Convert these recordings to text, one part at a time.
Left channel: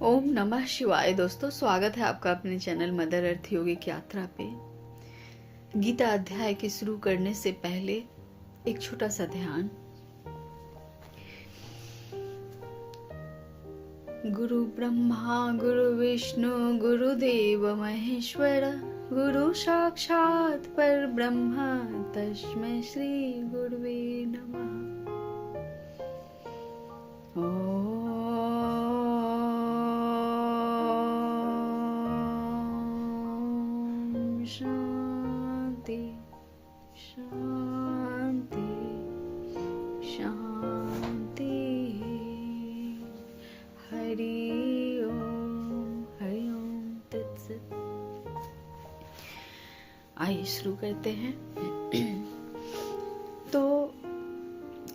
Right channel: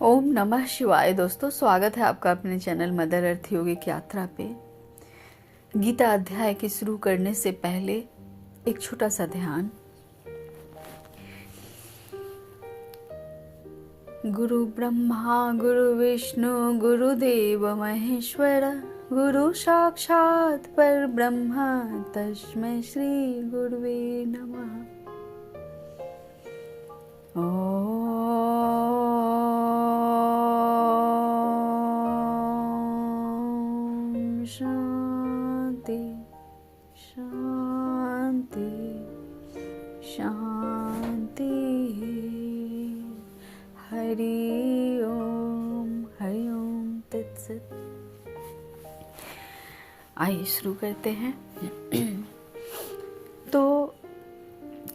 ओम नमः शिवाय। दोस्तों, स्वागत है आपका अपने चैनल मदर अर्थ योगिक यात्रा पे। गीता अध्याय के शुरू करने से पहले एक छोटा सा ध्यान। गुरु ब्रह्मा गुरु विष्णु गुरुदेव महेश्वर, गुरु साक्षात पर ब्रह्म तस्मै श्री गुरुवे नमः। शांति शांति शांति। हरि ओम तत्सत। आइए शुरू करते हैं। तो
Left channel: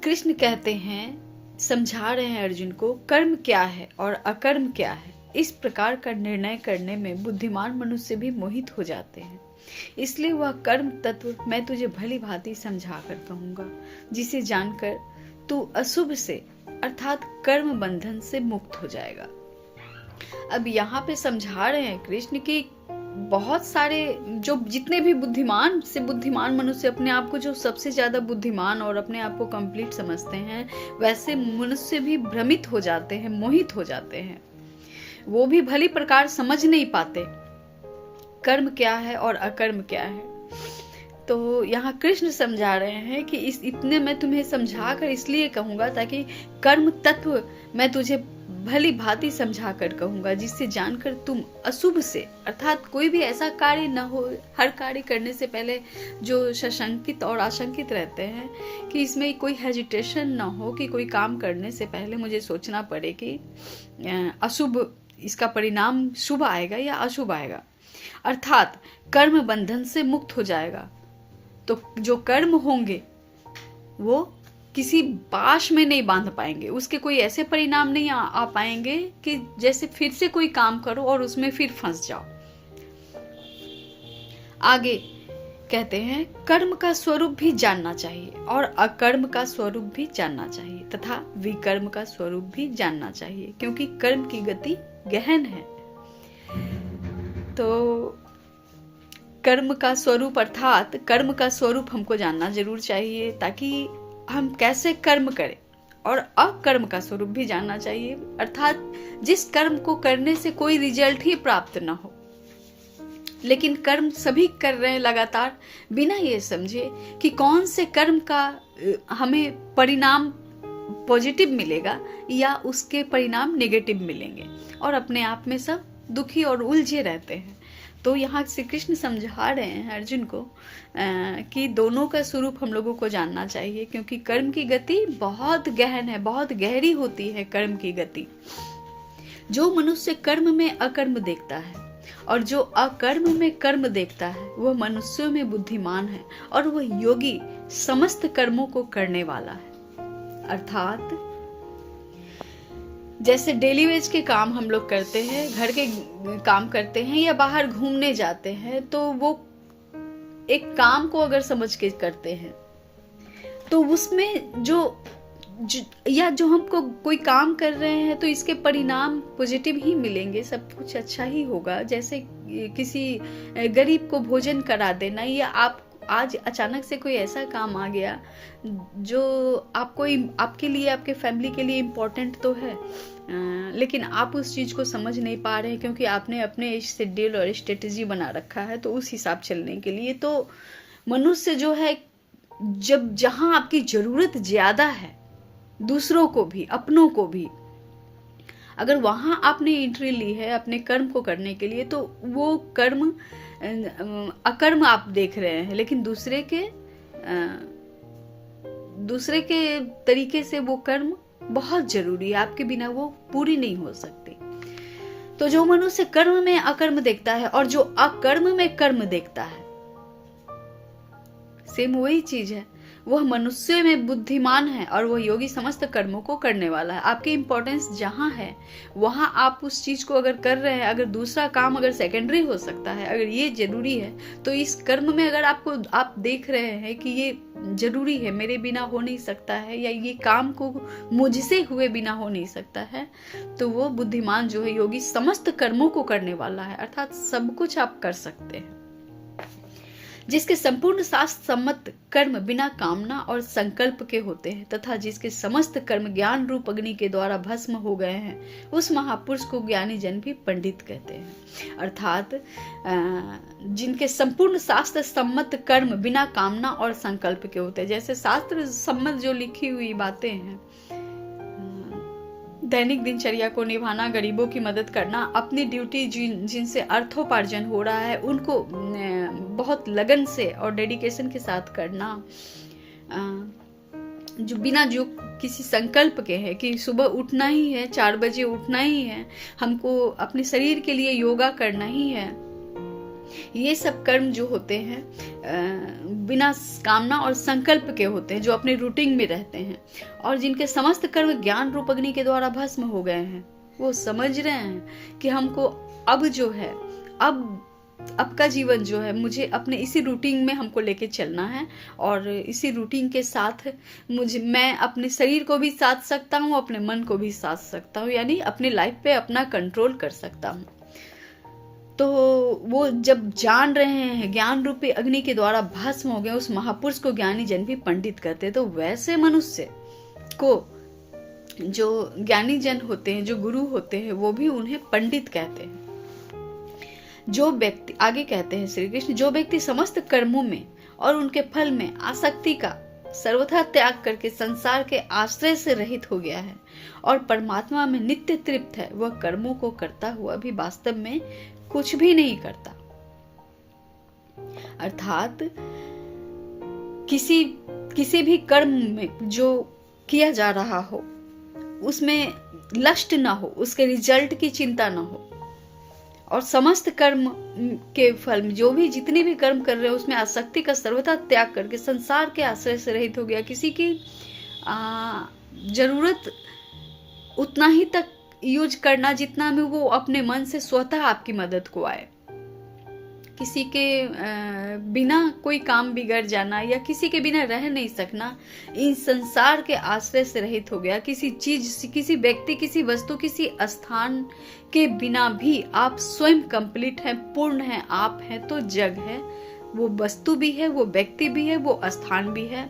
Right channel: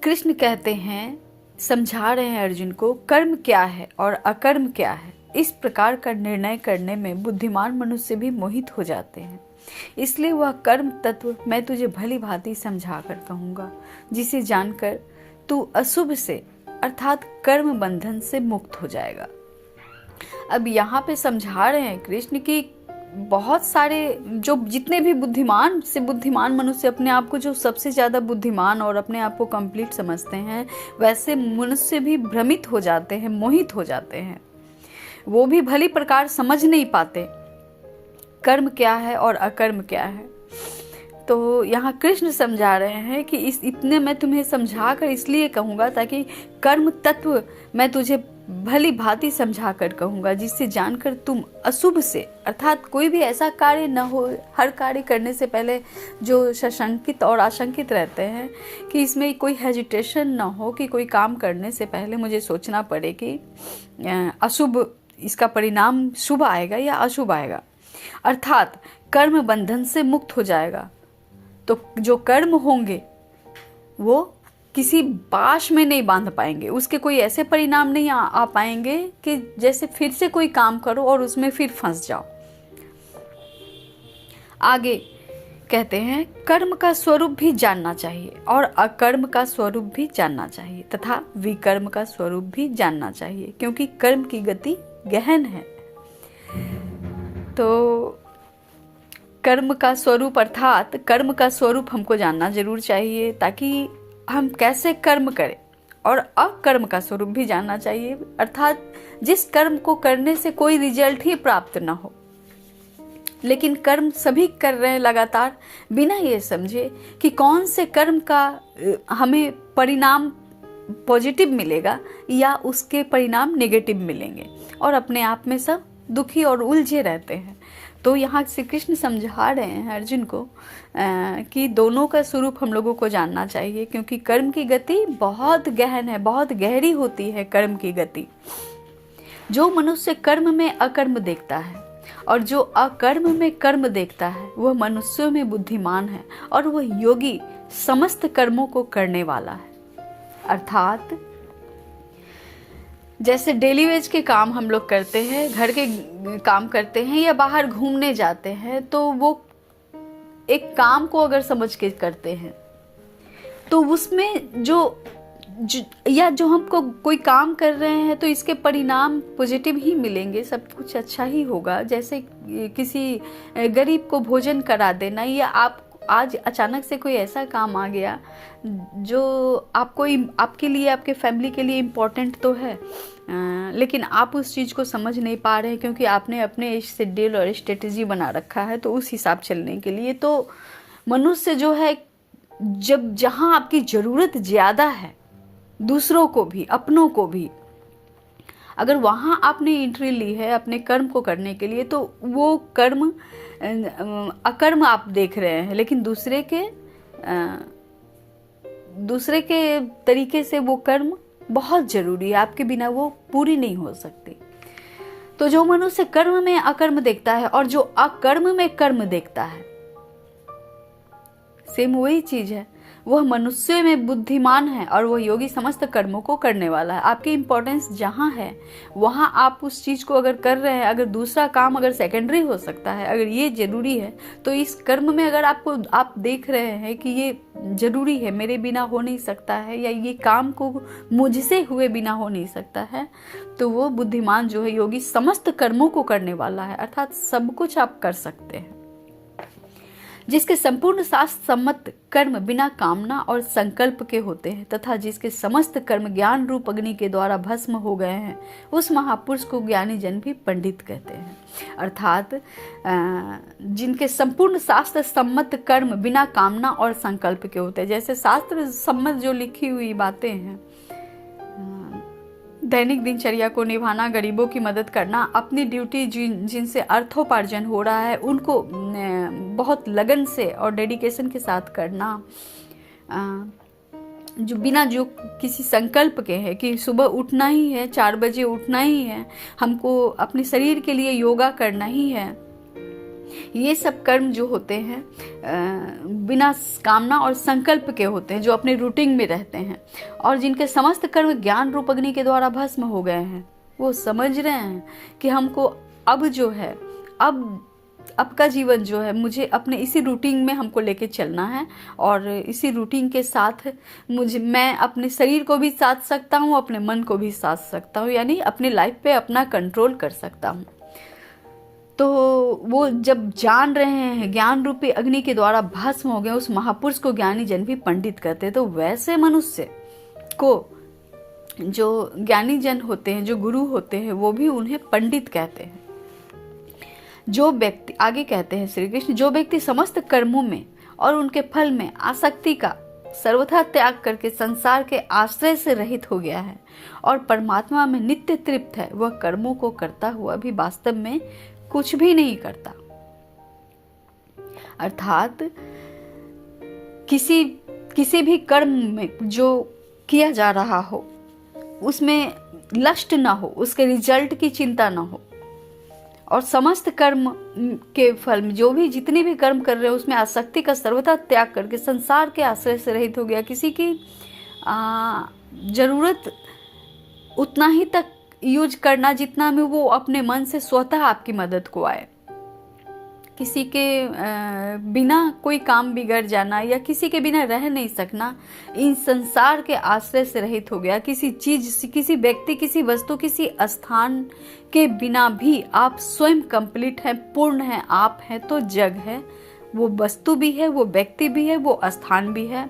कृष्ण कहते हैं, समझा रहे हैं अर्जुन को, कर्म क्या है और अकर्म क्या है। इस प्रकार का निर्णय करने में बुद्धिमान मनुष्य भी मोहित हो जाते हैं। इसलिए वह कर्म तत्व मैं तुझे भली भांति समझा कर कहूंगा, जिसे जानकर तू अशुभ से अर्थात कर्म बंधन से मुक्त हो जाएगा। अब यहाँ पे समझा रहे हैं कृष्ण की बहुत सारे जितने भी बुद्धिमान से बुद्धिमान मनुष्य अपने आप को जो सबसे ज्यादा बुद्धिमान और अपने आप को कंप्लीट समझते हैं, वैसे मनुष्य भी भ्रमित हो जाते हैं, मोहित हो जाते हैं। वो भी भली प्रकार समझ नहीं पाते कर्म क्या है और अकर्म क्या है। तो यहाँ कृष्ण समझा रहे हैं कि इतने मैं तुम्हें समझा कर इसलिए कहूंगा ताकि कर्म तत्व मैं तुझे भली भांति समझा कर कहूंगा, जिससे जानकर तुम अशुभ से अर्थात कोई भी ऐसा कार्य न हो। हर कार्य करने से पहले जो सशंकित और आशंकित रहते हैं कि इसमें कोई हेजिटेशन न हो, कि कोई काम करने से पहले मुझे सोचना पड़े कि अशुभ इसका परिणाम शुभ आएगा या अशुभ आएगा, अर्थात कर्म बंधन से मुक्त हो जाएगा। तो जो कर्म होंगे वो किसी बाश में नहीं बांध पाएंगे, उसके कोई ऐसे परिणाम नहीं आ पाएंगे कि जैसे फिर से कोई काम करो और उसमें फिर फंस जाओ। आगे कहते हैं, कर्म का स्वरूप भी जानना चाहिए और अकर्म का स्वरूप भी जानना चाहिए तथा विकर्म का स्वरूप भी जानना चाहिए, क्योंकि कर्म की गति गहन है। तो कर्म का स्वरूप अर्थात कर्म का स्वरूप हमको जानना जरूर चाहिए, ताकि हम कैसे कर्म करें, और अकर्म का स्वरूप भी जानना चाहिए, अर्थात जिस कर्म को करने से कोई रिजल्ट ही प्राप्त न हो, लेकिन कर्म सभी कर रहे हैं लगातार, बिना ये समझे कि कौन से कर्म का हमें परिणाम पॉजिटिव मिलेगा या उसके परिणाम नेगेटिव मिलेंगे, और अपने आप में सब दुखी और उलझे रहते हैं। तो यहाँ श्री कृष्ण समझा रहे हैं अर्जुन को कि दोनों का स्वरूप हम लोगों को जानना चाहिए, क्योंकि कर्म की गति बहुत गहन है, बहुत गहरी होती है कर्म की गति। जो मनुष्य कर्म में अकर्म देखता है और जो अकर्म में कर्म देखता है, वह मनुष्यों में बुद्धिमान है और वह योगी समस्त कर्मों को करने वाला है। अर्थात जैसे डेली वेज के काम हम लोग करते हैं, घर के काम करते हैं या बाहर घूमने जाते हैं, तो वो एक काम को अगर समझ के करते हैं तो उसमें जो हमको कोई काम कर रहे हैं तो इसके परिणाम पॉजिटिव ही मिलेंगे, सब कुछ अच्छा ही होगा। जैसे किसी गरीब को भोजन करा देना, या आप आज अचानक से कोई ऐसा काम आ गया जो आपके लिए, आपके फैमिली के लिए इम्पोर्टेंट तो है, लेकिन आप उस चीज़ को समझ नहीं पा रहे हैं क्योंकि आपने अपने शेड्यूल और स्ट्रेटेजी बना रखा है, तो उस हिसाब चलने के लिए। तो मनुष्य जो है, जब जहाँ आपकी ज़रूरत ज़्यादा है, दूसरों को भी अपनों को भी, अगर वहाँ आपने एंट्री ली है अपने कर्म को करने के लिए, तो वो कर्म अकर्म आप देख रहे हैं, लेकिन दूसरे के तरीके से वो कर्म बहुत जरूरी है, आपके बिना वो पूरी नहीं हो सकती। तो जो मनुष्य कर्म में अकर्म देखता है और जो अकर्म में कर्म देखता है, सेम वही चीज है। वह मनुष्य में बुद्धिमान है और वह योगी समस्त कर्मों को करने वाला है। आपकी इंपॉर्टेंस जहाँ है वहाँ आप उस चीज को अगर कर रहे हैं, अगर दूसरा काम अगर सेकेंडरी हो सकता है, अगर ये जरूरी है, तो इस कर्म में अगर आप देख रहे हैं कि ये जरूरी है, मेरे बिना हो नहीं सकता है, या ये काम को मुझसे हुए बिना हो नहीं सकता है, तो वो बुद्धिमान जो है योगी समस्त कर्मों को करने वाला है, अर्थात सब कुछ आप कर सकते हैं। जिसके संपूर्ण शास्त्र सम्मत कर्म बिना कामना और संकल्प के होते हैं तथा जिसके समस्त कर्म ज्ञान रूप अग्नि के द्वारा भस्म हो गए हैं, उस महापुरुष को ज्ञानी जन भी पंडित कहते हैं। अर्थात जिनके संपूर्ण शास्त्र सम्मत कर्म बिना कामना और संकल्प के होते हैं, जैसे शास्त्र सम्मत जो लिखी हुई बातें हैं, दैनिक दिनचर्या को निभाना, गरीबों की मदद करना, अपनी ड्यूटी जिनसे अर्थोपार्जन हो रहा है उनको बहुत लगन से और डेडिकेशन के साथ करना, जो किसी संकल्प के है कि सुबह उठना ही है, 4 बजे उठना ही है, हमको अपने शरीर के लिए योगा करना ही है, ये सब कर्म जो होते हैं बिना कामना और संकल्प के होते हैं, जो अपने रूटीन में रहते हैं, और जिनके समस्त कर्म ज्ञान रूप अग्नि के द्वारा भस्म हो गए हैं, वो समझ रहे हैं कि हमको अब जो है, अब का जीवन जो है, मुझे अपने इसी रूटीन में हमको लेके चलना है, और इसी रूटीन के साथ मैं अपने शरीर को भी साथ सकता हूँ, अपने मन को भी साथ सकता हूँ, यानी अपने लाइफ पे अपना कंट्रोल कर सकता हूँ। तो वो जब जान रहे हैं ज्ञान रूपी अग्नि के द्वारा भस्म हो गए, उस महापुरुष को ज्ञानी जन भी पंडित कहते हैं। तो वैसे मनुष्य को जो ज्ञानी जन होते हैं, जो गुरु होते हैं, वो भी उन्हें पंडित कहते हैं। जो व्यक्ति, आगे कहते हैं श्री कृष्ण, जो व्यक्ति समस्त कर्मों में और उनके फल में आसक्ति का सर्वथा त्याग करके संसार के आश्रय से रहित हो गया है और परमात्मा में नित्य तृप्त है, वह कर्मों को करता हुआ भी वास्तव में कुछ भी नहीं करता। अर्थात किसी भी कर्म में जो किया जा रहा हो उसमें लस्ट ना हो, उसके रिजल्ट की चिंता ना हो, और समस्त कर्म के फल में जो भी जितने भी कर्म कर रहे हैं उसमें आसक्ति का सर्वथा त्याग करके संसार के आश्रय से रहित हो गया। किसी की जरूरत उतना ही तक यूज करना जितना में वो अपने मन से स्वतः आपकी मदद को आए। किसी के बिना कोई काम बिगड़ जाना या किसी के बिना रह नहीं सकना, इन संसार के आश्रय से रहित हो गया। किसी चीज, किसी व्यक्ति, किसी वस्तु, किसी स्थान के बिना भी आप स्वयं कंप्लीट हैं, पूर्ण हैं, आप हैं तो जग है, वो वस्तु भी है, वो व्यक्ति भी है, वो स्थान भी है।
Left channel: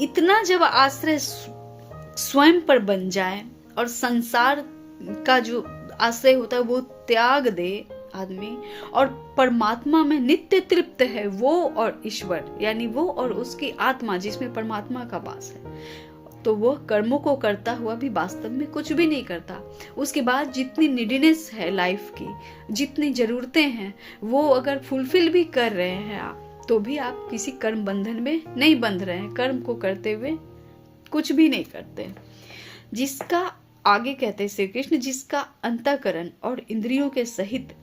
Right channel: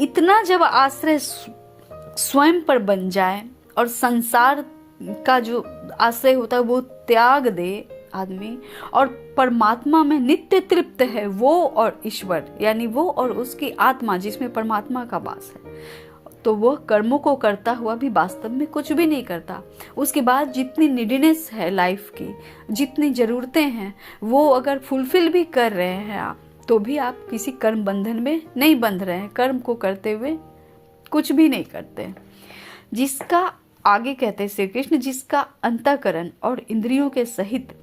इतना जब आश्रय स्वयं पर बन जाए और संसार का जो आश्रय होता है वो त्याग दे आदमी, और परमात्मा में नित्य तृप्त है वो और ईश्वर, यानी वो और उसकी आत्मा जिसमें परमात्मा का वास है, तो वह कर्मों को करता हुआ भी वास्तव में कुछ भी नहीं करता। उसके बाद जितनी नीडीनेस है लाइफ की, जितनी जरूरतें हैं, वो अगर फुलफिल भी कर रहे हैं आप, तो भी आप किसी कर्म बंधन में नहीं बंध रहे हैं, कर्म को करते हुए कुछ भी नहीं करते। जिसका, आगे कहते हैं श्री कृष्ण, जिसका अंतःकरण और इंद्रियों के सहित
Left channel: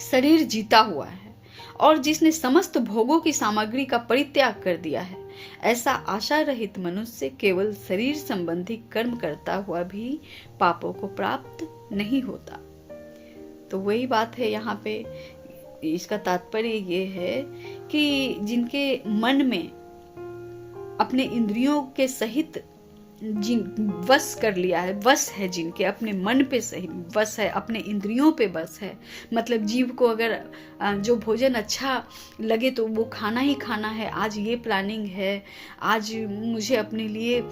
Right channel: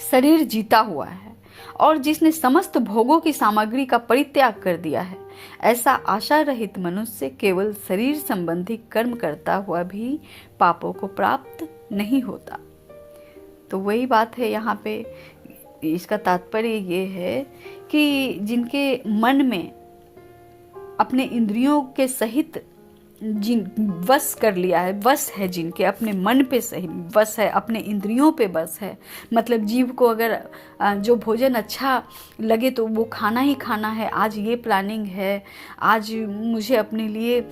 शरीर जीता हुआ है और जिसने समस्त भोगों की सामग्री का परित्याग कर दिया है, ऐसा आशा रहित मनुष्य केवल शरीर संबंधी कर्म करता हुआ भी पापों को प्राप्त नहीं होता। तो वही बात है यहाँ पे। इसका तात्पर्य ये है कि जिनके मन में अपने इंद्रियों के सहित जिन वश कर लिया है, वश है, जिनके अपने मन पे सही वश है, अपने इंद्रियों पे बस है, मतलब जीव को अगर जो भोजन अच्छा लगे तो वो खाना ही खाना है, आज ये प्लानिंग है, आज मुझे अपने लिए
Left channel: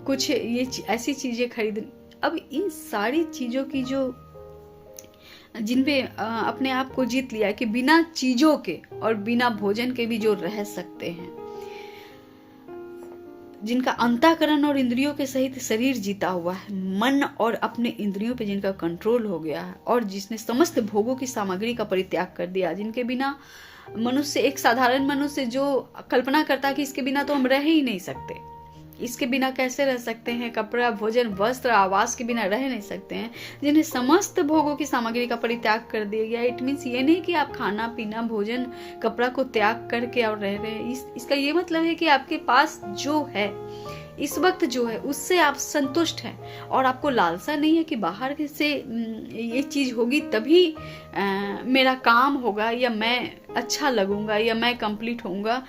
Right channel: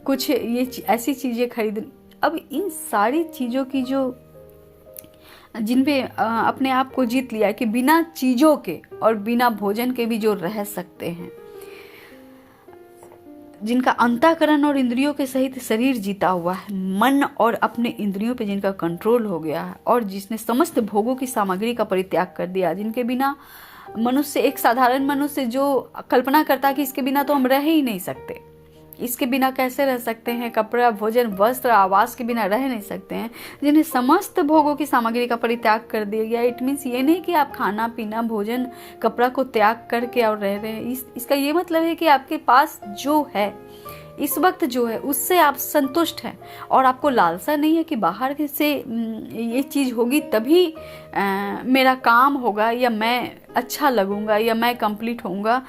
कुछ ये ऐसी चीज़ें खरीद। अब इन सारी चीज़ों की जो जिन पे अपने आप को जीत लिया कि बिना चीज़ों के और बिना भोजन के भी जो रह सकते हैं, जिनका अंतःकरण और इंद्रियों के सहित शरीर जीता हुआ है, मन और अपने इंद्रियों पे जिनका कंट्रोल हो गया है, और जिसने समस्त भोगों की सामग्री का परित्याग कर दिया, जिनके बिना मनुष्य, एक साधारण मनुष्य जो कल्पना करता कि इसके बिना तो हम रह ही नहीं सकते, इसके बिना कैसे रह सकते हैं, कपड़ा, भोजन, वस्त्र, आवास के बिना रह नहीं सकते हैं, जिन्हें समस्त भोगों की सामग्री का परित्याग कर दिया गया। इट मीन्स ये नहीं कि आप खाना पीना भोजन कपड़ा को त्याग करके और रह रहे हैं। इसका ये मतलब है कि आपके पास जो है इस वक्त जो है उससे आप संतुष्ट हैं और आपको लालसा नहीं है कि बाहर से ये चीज़ होगी तभी मेरा काम होगा या मैं अच्छा लगूंगा या मैं कंप्लीट होऊंगा।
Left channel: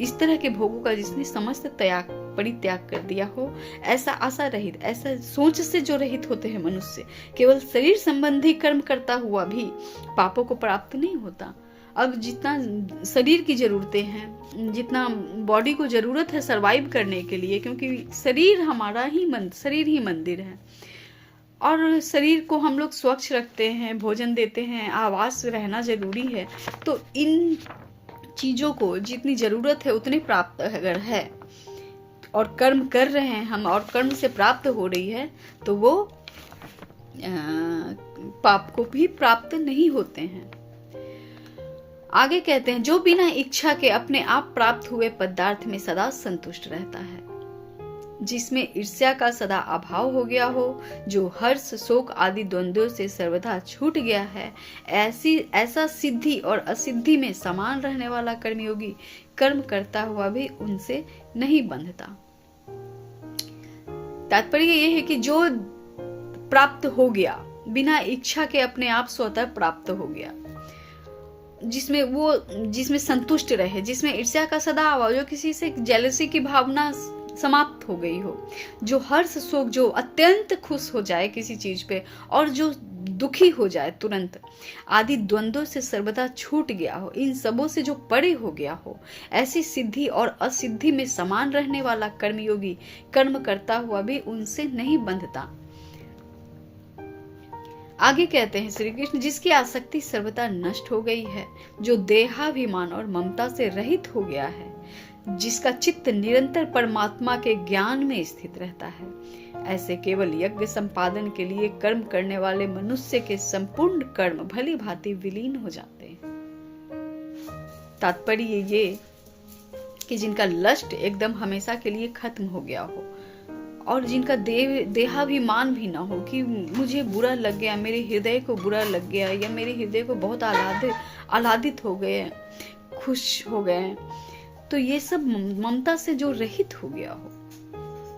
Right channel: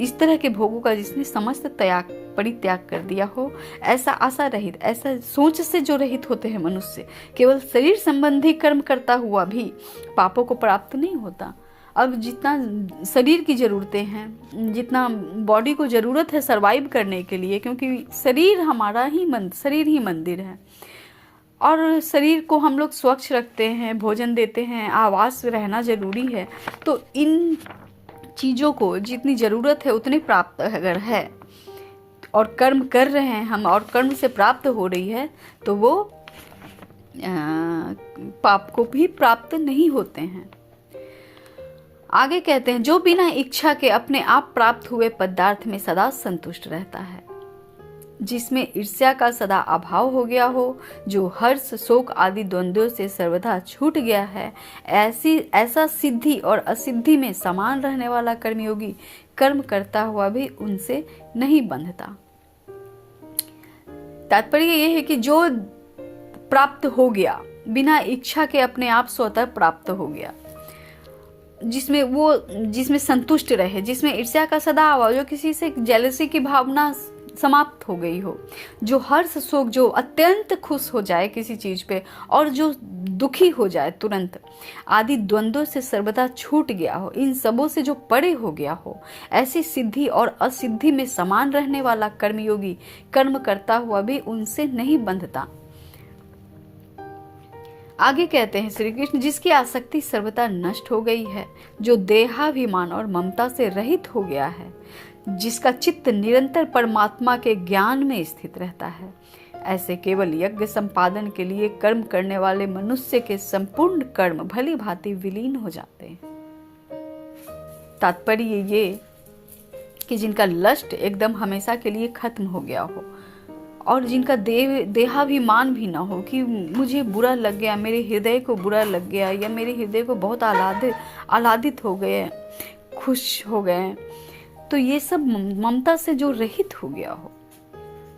इस तरह के भोगों का जिसने समस्त परित्याग कर दिया हो, ऐसा आशा रहित, ऐसा सोच से जो रहित होते हैं मनुष्य, केवल शरीर संबंधी कर्म करता हुआ भी पापों को प्राप्त नहीं होता। अब जितना शरीर की जरूरतें हैं, जितना बॉडी को जरूरत है सरवाइव करने के लिए, क्योंकि शरीर हमारा ही शरीर ही मंदिर है और शरीर को हम लोग स्वच्छ रखते हैं, भोजन देते हैं, आवास रहना जरूरी है। तो इन चीज़ों को जितनी ज़रूरत है उतनी प्राप्त अगर है और कर्म कर रहे हैं हम और कर्म से प्राप्त हो रही है तो वो पाप को भी प्राप्त नहीं होते हैं। आगे कहते हैं, जो बिना इच्छा के अपने आप प्राप्त हुए पदार्थ में सदा संतुष्ट रहता है, जिसमें ईर्ष्या का सदा अभाव हो गया हो, जो हर्ष, शोक आदि द्वंद्वों से सर्वदा छूट गया है, ऐसा सिद्धि और असिद्धि में समान रहने वाला कर्मयोगी कर्म करता हुआ भी उनसे नहीं बंधता। तात्पर्य यह है कि जो प्राप्त हो गया बिना इच्छा के अपने आप स्वतः प्राप्त हो गया, जिसमें संतुष्ट रहे, जिसमें ईर्ष्या का सदा अभाव, जो किसी से जेलसी की भावना समाप्त हो गई हो, जो हर्ष शोक, जो अत्यंत खुश हो जाए किसी चीज पे और जो दुखी हो जाए तुरंत, आदि द्वंद्वों से सर्वदा छूट गया हो, इन सबों से जो परे हो गया हो, ऐसी सिद्धि और असिद्धि में समान रहने वाला कर्मयोगी कर्म करता हुआ भी उनसे नहीं बंधता। आगे कहते हैं श्री कृष्ण, जिसकी आसक्ति सर्वदा नष्ट हो गई है, जो देहाभिमान और ममता से रहित हो गया है, जिसका चित्त निरंतर परमात्मा के ज्ञान में स्थित रहता है, ऐसे केवल यज्ञ संपादन के लिए कर्म करने वाले मनुष्य के संपूर्ण कर्म भली भांति विलीन हो जाते हैं। तात्पर्य ये कि जिनका लस्ट एकदम हमेशा के लिए खत्म हो गया हो और जिनका देहाभिमान भी ना हो कि मुझे बुरा लग गया, मेरे हृदय को बुरा लग गया या मेरे हृदय को बहुत आह्लादित हो गए, खुश हो गए, तो ये सब ममता से जो रहित हो गया हो,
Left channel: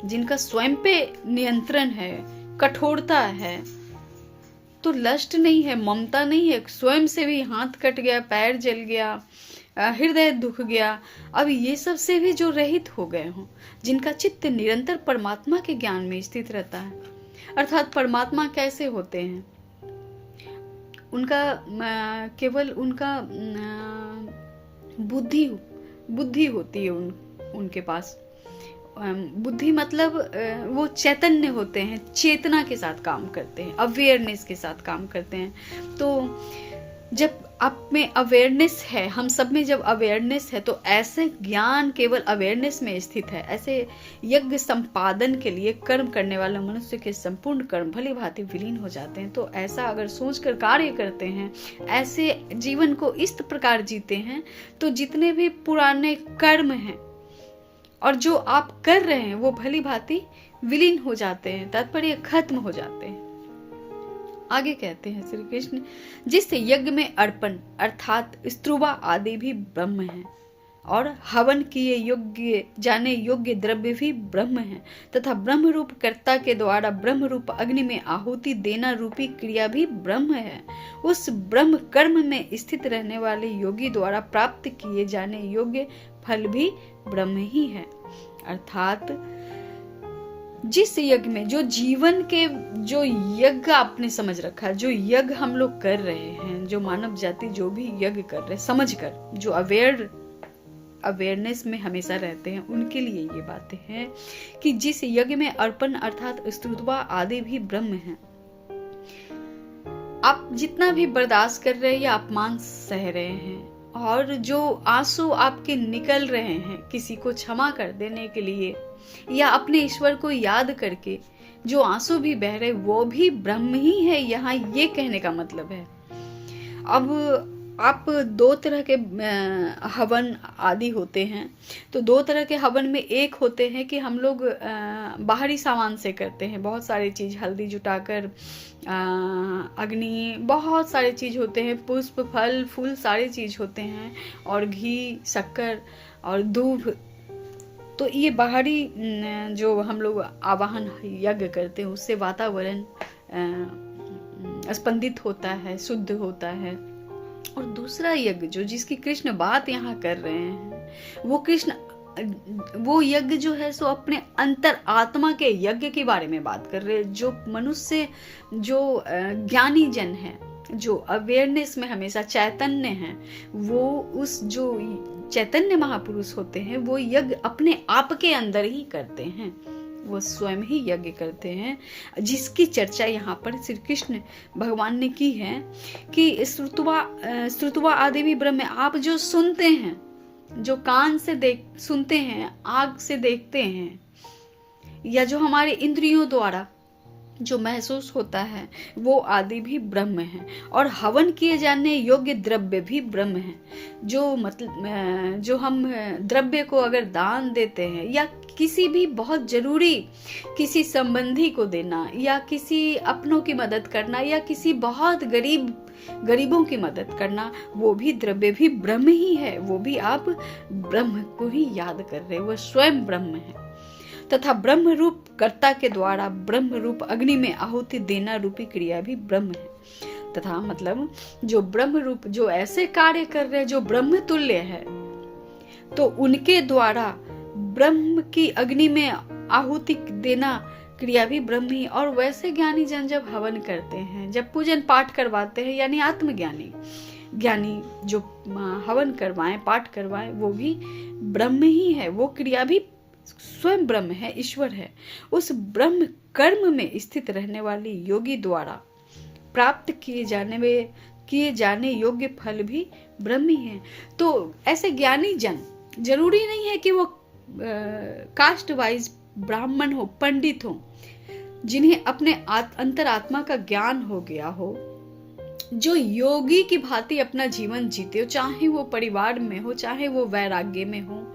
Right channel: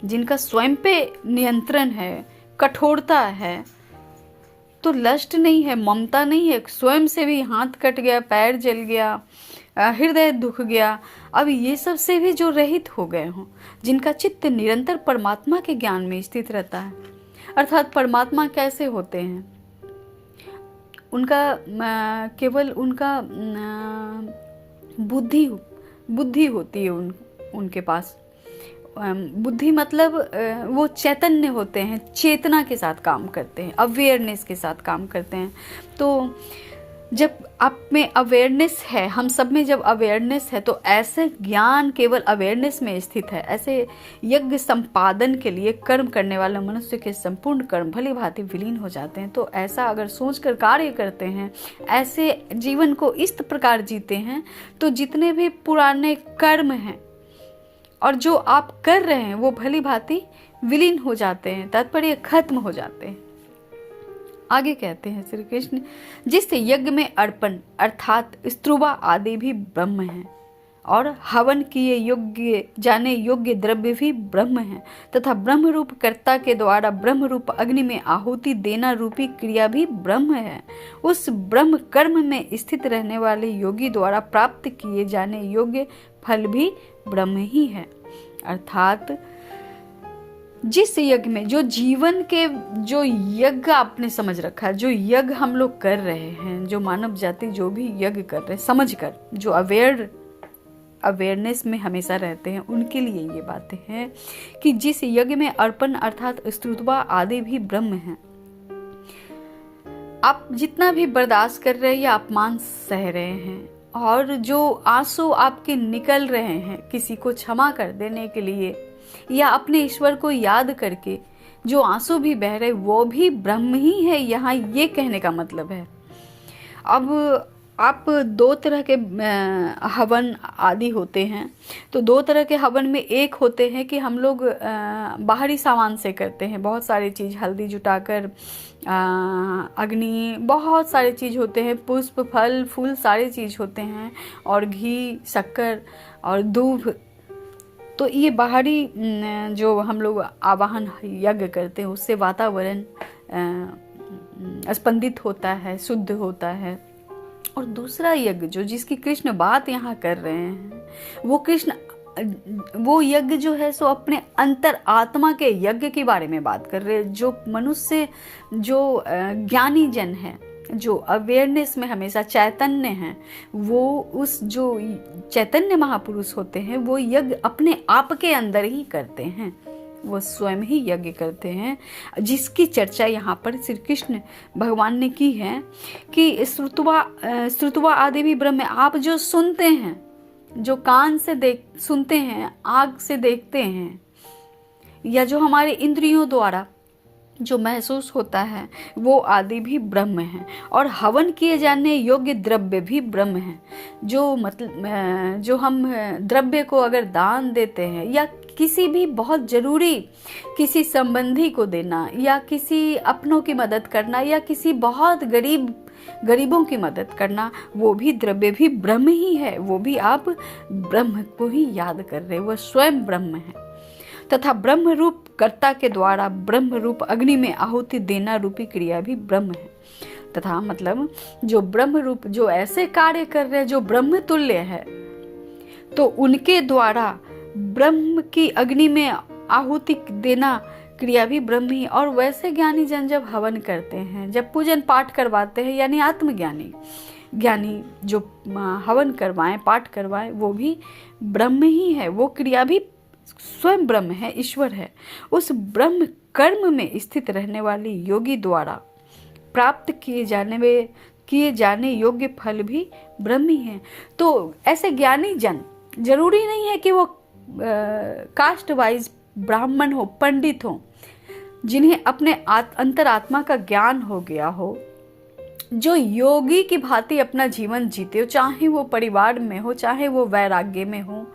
जिनका स्वयं पे नियंत्रण है, कठोरता है, तो लस्ट नहीं है, ममता नहीं है, स्वयं से भी हाथ कट गया, पैर जल गया, हृदय दुख गया, अब ये सब से भी जो रहित हो गए हों, जिनका चित्त निरंतर परमात्मा के ज्ञान में स्थित रहता है। अर्थात परमात्मा कैसे होते हैं, उनका केवल उनका बुद्धि होती है उनके पास। बुद्धि मतलब वो चैतन्य होते हैं, चेतना के साथ काम करते हैं, अवेयरनेस के साथ काम करते हैं। तो जब आप में अवेयरनेस है, हम सब में जब अवेयरनेस है, तो ऐसे ज्ञान केवल अवेयरनेस में स्थित है, ऐसे यज्ञ संपादन के लिए कर्म करने वाले मनुष्य के संपूर्ण कर्म भली भांति विलीन हो जाते हैं। तो ऐसा अगर सोचकर कार्य करते हैं, ऐसे जीवन को इस प्रकार जीते हैं, तो जितने भी पुराने कर्म हैं और जो आप कर रहे हैं वो भली भांति विलीन हो जाते हैं, तात्पर्य खत्म हो जाते हैं। आगे कहते हैं श्री कृष्ण, जिससे यज्ञ में अर्पण अर्थात स्त्रुवा आदि भी ब्रह्म है और हवन किए योग्य जाने योग्य द्रव्य भी ब्रह्म है, तथा ब्रह्म रूप कर्ता के द्वारा ब्रह्म रूप अग्नि में आहुति देना रूपी क्रिया भी ब्रह्म है। उस ब्रह्म कर्म में स्थित रहने वाले योगी द्वारा प्राप्त किए जाने योग्य फल भी ब्रह्म ही है। अर्थात जिस यज्ञ में जो जीवन के जो यज्ञ आपने समझ रखा है, जो यज्ञ हम लोग कर रहे हैं, जो मानव जाति जो भी यज्ञ कर रहे हैं समझ कर, जो अवेयरनेस में हमेशा रहते हैं, उनके लिए ये बातें हैं कि जिस यज्ञ में अर्पण अर्थात स्तुत्वा आदि भी ब्रह्म है। आप जितना भी बर्दाश्त कर रहे हैं या अपमान सह रहे हैं और जो आंसू आपके निकल रहे हैं किसी को क्षमा कर देने के लिए या अपने ईश्वर को याद करके जो आंसू भी बह रहे वो भी ब्रह्म ही है, यहाँ ये कहने का मतलब है। अब आप दो तरह के हवन आदि होते हैं। तो दो तरह के हवन में एक होते हैं कि हम लोग बाहरी सामान से करते हैं, बहुत सारी चीज़ हल्दी जुटाकर, अग्नि, बहुत सारे चीज़ होते हैं, पुष्प फल फूल सारे चीज़ होते हैं, और घी शक्कर और दूध। तो ये बाहरी जो हम लोग आवाहन यज्ञ करते हैं उससे वातावरण स्पंदित होता है, शुद्ध होता है। और दूसरा यज्ञ जो जिसकी कृष्ण बात यहाँ कर रहे हैं, वो यज्ञ जो है सो अपने अंतर आत्मा के यज्ञ के बारे में बात कर रहे हैं। जो मनुष्य जो ज्ञानी जन है, जो अवेयरनेस में हमेशा चैतन्य है, वो उस जो चैतन्य महापुरुष होते हैं वो यज्ञ अपने आप के अंदर ही करते हैं, वो स्वयं ही यज्ञ करते हैं, जिसकी चर्चा यहाँ पर श्री कृष्ण भगवान ने की है कि श्रुत्वा आदि भी ब्रह्म। आप जो सुनते हैं, जो कान से सुनते हैं, आँख से देखते हैं, या जो हमारे इंद्रियों द्वारा जो महसूस होता है, वो आदि भी ब्रह्म है। और हवन किए जाने योग्य द्रव्य भी ब्रह्म है। जो हम द्रव्य को अगर दान देते हैं, या किसी भी बहुत जरूरी किसी संबंधी को देना, या किसी अपनों की मदद करना, या किसी बहुत गरीबों की मदद करना, वो भी द्रव्य भी ब्रह्म ही है। वो भी आप ब्रह्म को ही याद कर रहे, वो स्वयं ब्रह्म है। तथा ब्रह्म रूप कर्ता के द्वारा ब्रह्म रूप अग्नि में आहुति देना रूपी क्रिया भी ब्रह्म है। तथा मतलब जो ब्रह्म रूप जो ऐसे कार्य कर रहे हैं जो ब्रह्म तुल्य है, तो उनके द्वारा ब्रह्म की अग्नि में आहुति देना क्रिया भी ब्रह्म ही। और वैसे ज्ञानी जन जब हवन करते हैं, जब पूजन पाठ करवाते हैं, यानी ज्ञानी जो हवन करवाएं, पाठ करवाएं, वो भी ब्रह्म ही है। वो क्रिया भी स्वयं ब्रह्म है, ईश्वर है। उस ब्रह्म कर्म में स्थित रहने वाली योगी द्वारा प्राप्त किए जाने योग्य फल भी ब्रह्म ही है। तो ऐसे ज्ञानी जन जरूरी नहीं है कि वो कास्ट वाइज ब्राह्मण हो, पंडित हो, जिन्हें अपने अंतरात्मा का ज्ञान हो गया हो, जो योगी की भांति अपना जीवन जीते हो, चाहे वो परिवार में हो, चाहे वो वैराग्य में हो।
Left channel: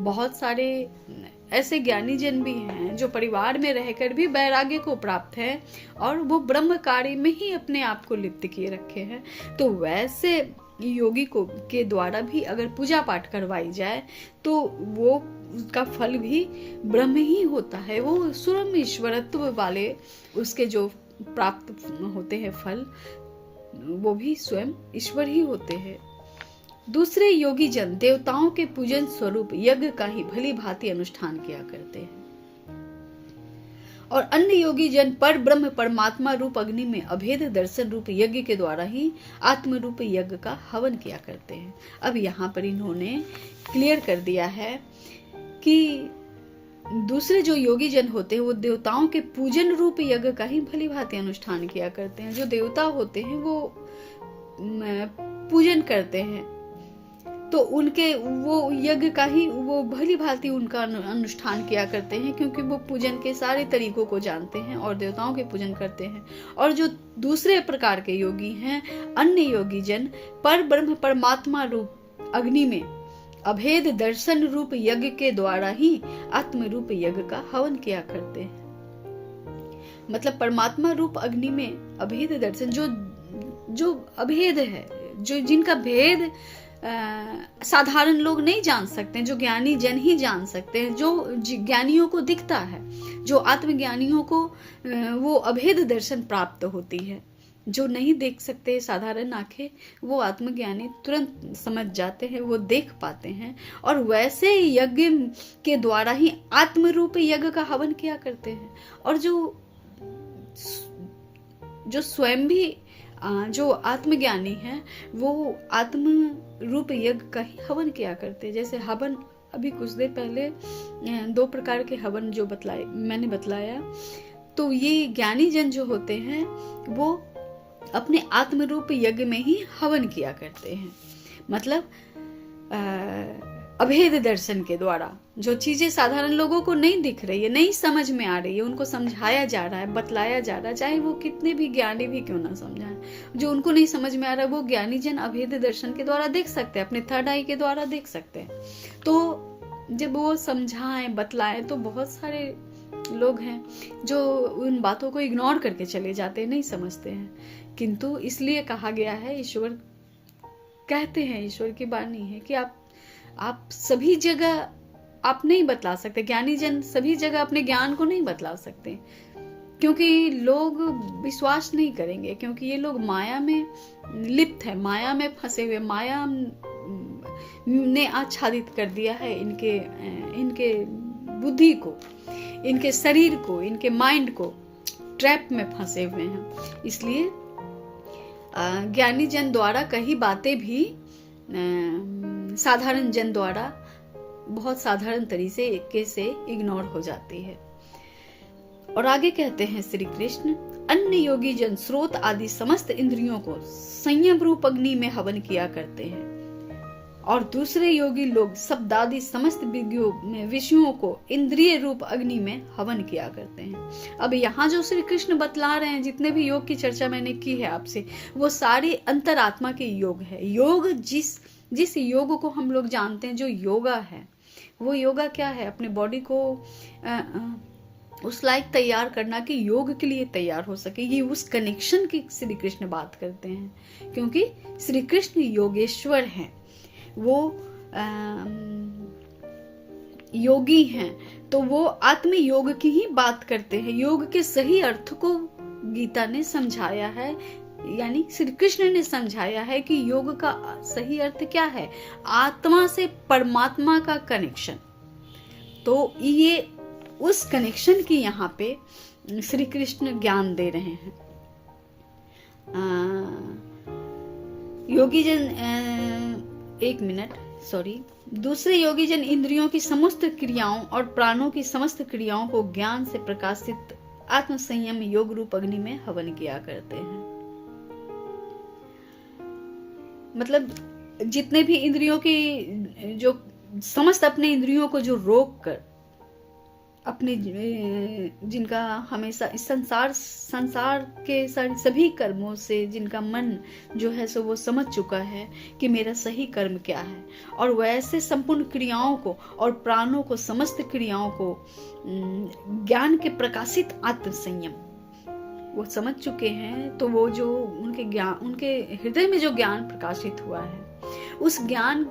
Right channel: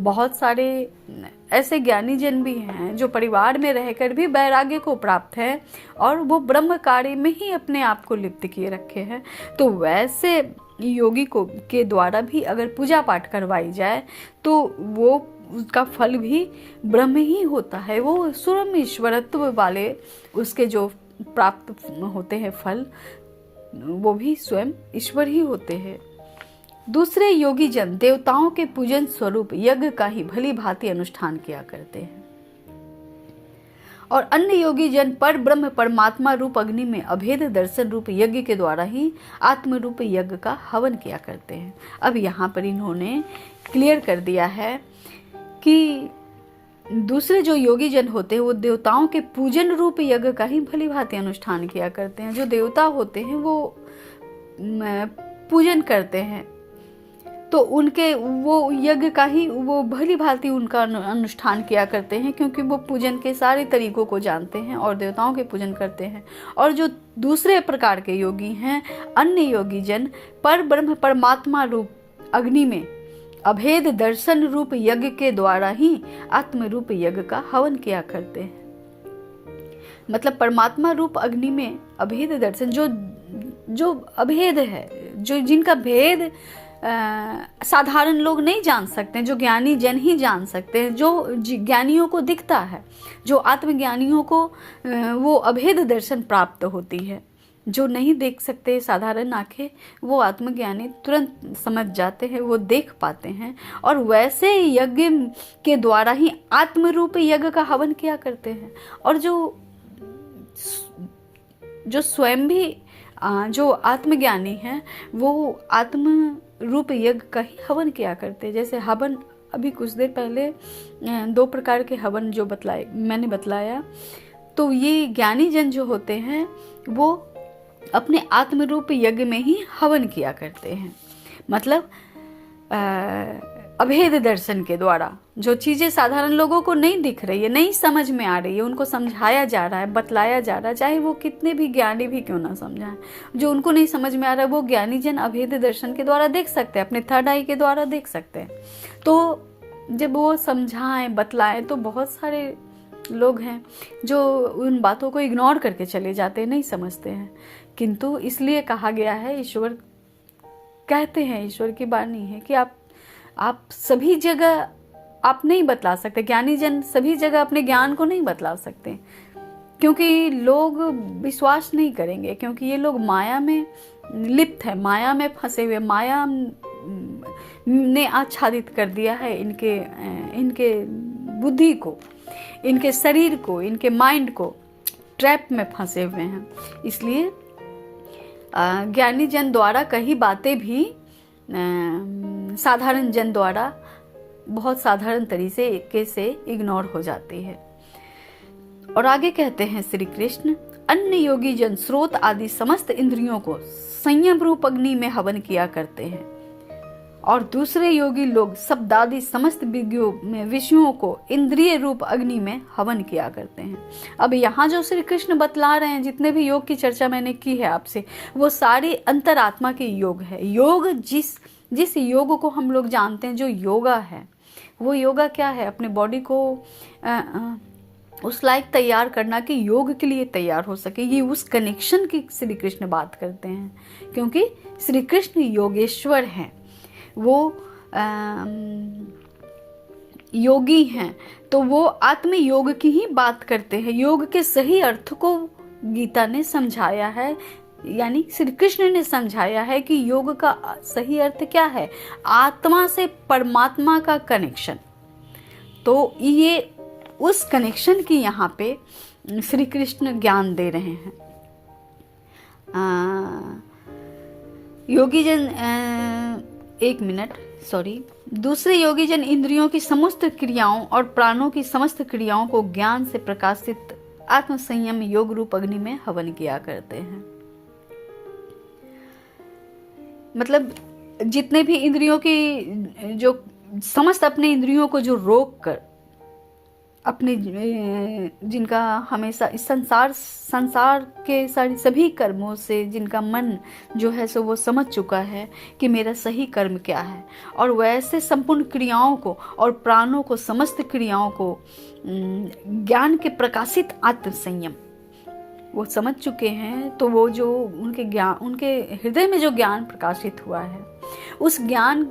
बहुत सारे ऐसे ज्ञानी जन भी हैं जो परिवार में रहकर भी वैराग्य को प्राप्त है, और वो ब्रह्म कार्य में ही अपने आप को लिप्त किए रखे हैं। तो वैसे योगी के द्वारा भी अगर पूजा पाठ करवाई जाए तो वो उसका फल भी ब्रह्म ही होता है। वो स्वयं ईश्वरत्व वाले उसके जो प्राप्त होते हैं फल, वो भी स्वयं ईश्वर ही होते हैं। दूसरे योगी जन देवताओं के पूजन स्वरूप यज्ञ का ही भली भांति अनुष्ठान किया करते हैं, और अन्य योगी जन पर ब्रह्म परमात्मा रूप अग्नि में अभेद दर्शन रूप यज्ञ के द्वारा ही आत्म रूप यज्ञ का हवन किया करते हैं। अब यहाँ पर इन्होंने क्लियर कर दिया है कि दूसरे जो योगी जन होते हैं वो देवताओं के पूजन रूप यज्ञ का ही भली भांति अनुष्ठान किया करते हैं। जो देवता होते हैं वो पूजन करते हैं, तो उनके वो यज्ञ का ही वो भली भांति उनका अनुष्ठान किया करते हैं, क्योंकि वो पूजन के सारे तरीकों को जानते हैं और देवताओं के पूजन करते हैं। और जो दूसरे प्रकार के योगी हैं, अन्य योगी जन पर ब्रह्म परमात्मा रूप अग्नि में अभेद दर्शन रूप यज्ञ के द्वारा ही आत्म रूप यज्ञ का हवन किया करते हैं। मतलब परमात्मा रूप अग्नि में अभेद दर्शन, जो अभेद है, जो जिनका भेद साधारण लोग नहीं जान सकते, जो ज्ञानी जन ही जान सकते हैं, जो ज्ञानियों को दिखता है, जो आत्मज्ञानियों को वो अभेद दर्शन प्राप्त होती है। जो नहीं देख सकते साधारण आंखें, वो आत्मज्ञानी तुरंत समझ जाते हैं, वो देख पाते हैं, और वैसे यज्ञ के द्वारा ही आत्म रूप यज्ञ का हवन किया करते हैं। और जो स्वयं भी जो आत्मज्ञानी हैं वो आत्म रूप यज्ञ का ही हवन किया करते हैं। जैसे हवन अभी कुछ देर पहले 2 प्रकार के हवन जो मैंने बतलाया, तो ये ज्ञानी जन जो होते हैं वो अपने आत्म रूप यज्ञ में ही हवन किया करते हैं। मतलब अभेद दर्शन के द्वारा जो चीजें साधारण लोगों को नहीं दिख रही है, नहीं समझ में आ रही है, उनको समझाया जा रहा है, बतलाया जा रहा है, चाहे वो कितने भी ज्ञानी भी क्यों ना समझाए। जो उनको नहीं समझ में आ रहा है वो ज्ञानी जन अभेद दर्शन के द्वारा देख सकते हैं, अपने थर्ड आई के द्वारा देख सकते हैं। तो जब वो समझाएं बतलाएं तो बहुत सारे लोग हैं जो उन बातों को इग्नोर करके चले जाते हैं, नहीं समझते हैं। किंतु इसलिए कहा गया है, ईश्वर कहते हैं, ईश्वर की वाणी है कि आप सभी जगह आप नहीं बतला सकते, ज्ञानी जन सभी जगह अपने ज्ञान को नहीं बतला सकते, क्योंकि लोग विश्वास नहीं करेंगे, क्योंकि ये लोग माया में लिप्त है, माया में फंसे हुए, माया ने आच्छादित कर दिया है इनके बुद्धि को, इनके शरीर को, इनके माइंड को ट्रैप में फंसे हुए हैं। इसलिए ज्ञानी जन द्वारा कही बातें भी साधारण जन द्वारा बहुत साधारण तरीके से इग्नोर हो जाती है। और आगे कहते हैं श्री कृष्ण, अन्य योगी जन स्रोत आदि समस्त इंद्रियों को संयम रूप अग्नि में हवन किया करते हैं, और दूसरे योगी लोग शब्दादि समस्त विषयों को इंद्रिय रूप अग्नि में हवन किया करते हैं। अब यहाँ जो श्री कृष्ण बतला रहे हैं, जितने भी योग की चर्चा मैंने की है आपसे, वो सारी अंतरात्मा के योग है। योग जिस योग को हम लोग जानते हैं जो योगा है, वो योगा क्या है? अपने बॉडी को उस लायक तैयार करना कि योग के लिए तैयार हो सके। ये उस कनेक्शन की श्री कृष्ण बात करते हैं, क्योंकि श्री कृष्ण योगेश्वर हैं, वो योगी हैं, तो वो आत्म योग की ही बात करते हैं। योग के सही अर्थ को गीता ने समझाया है, यानी श्री कृष्ण ने समझाया है कि योग का सही अर्थ क्या है? आत्मा से परमात्मा का कनेक्शन। तो ये उस कनेक्शन की यहाँ पे श्री कृष्ण ज्ञान दे रहे हैं। योगी जन एक मिनट, सॉरी, दूसरे योगी जन इंद्रियों की समस्त क्रियाओं और प्राणों की समस्त क्रियाओं को ज्ञान से प्रकाशित आत्म संयम योग रूप अग्नि में हवन किया करते हैं। मतलब जितने भी इंद्रियों की जो समस्त अपने इंद्रियों को जो रोक कर अपने जिनका हमेशा इस संसार के सभी कर्मों से जिनका मन जो है सो वो समझ चुका है कि मेरा सही कर्म क्या है, और वैसे संपूर्ण क्रियाओं को और प्राणों को समस्त क्रियाओं को ज्ञान के प्रकाशित आत्म संयम वो समझ चुके हैं, तो वो जो उनके हृदय में जो ज्ञान प्रकाशित हुआ है, उस ज्ञान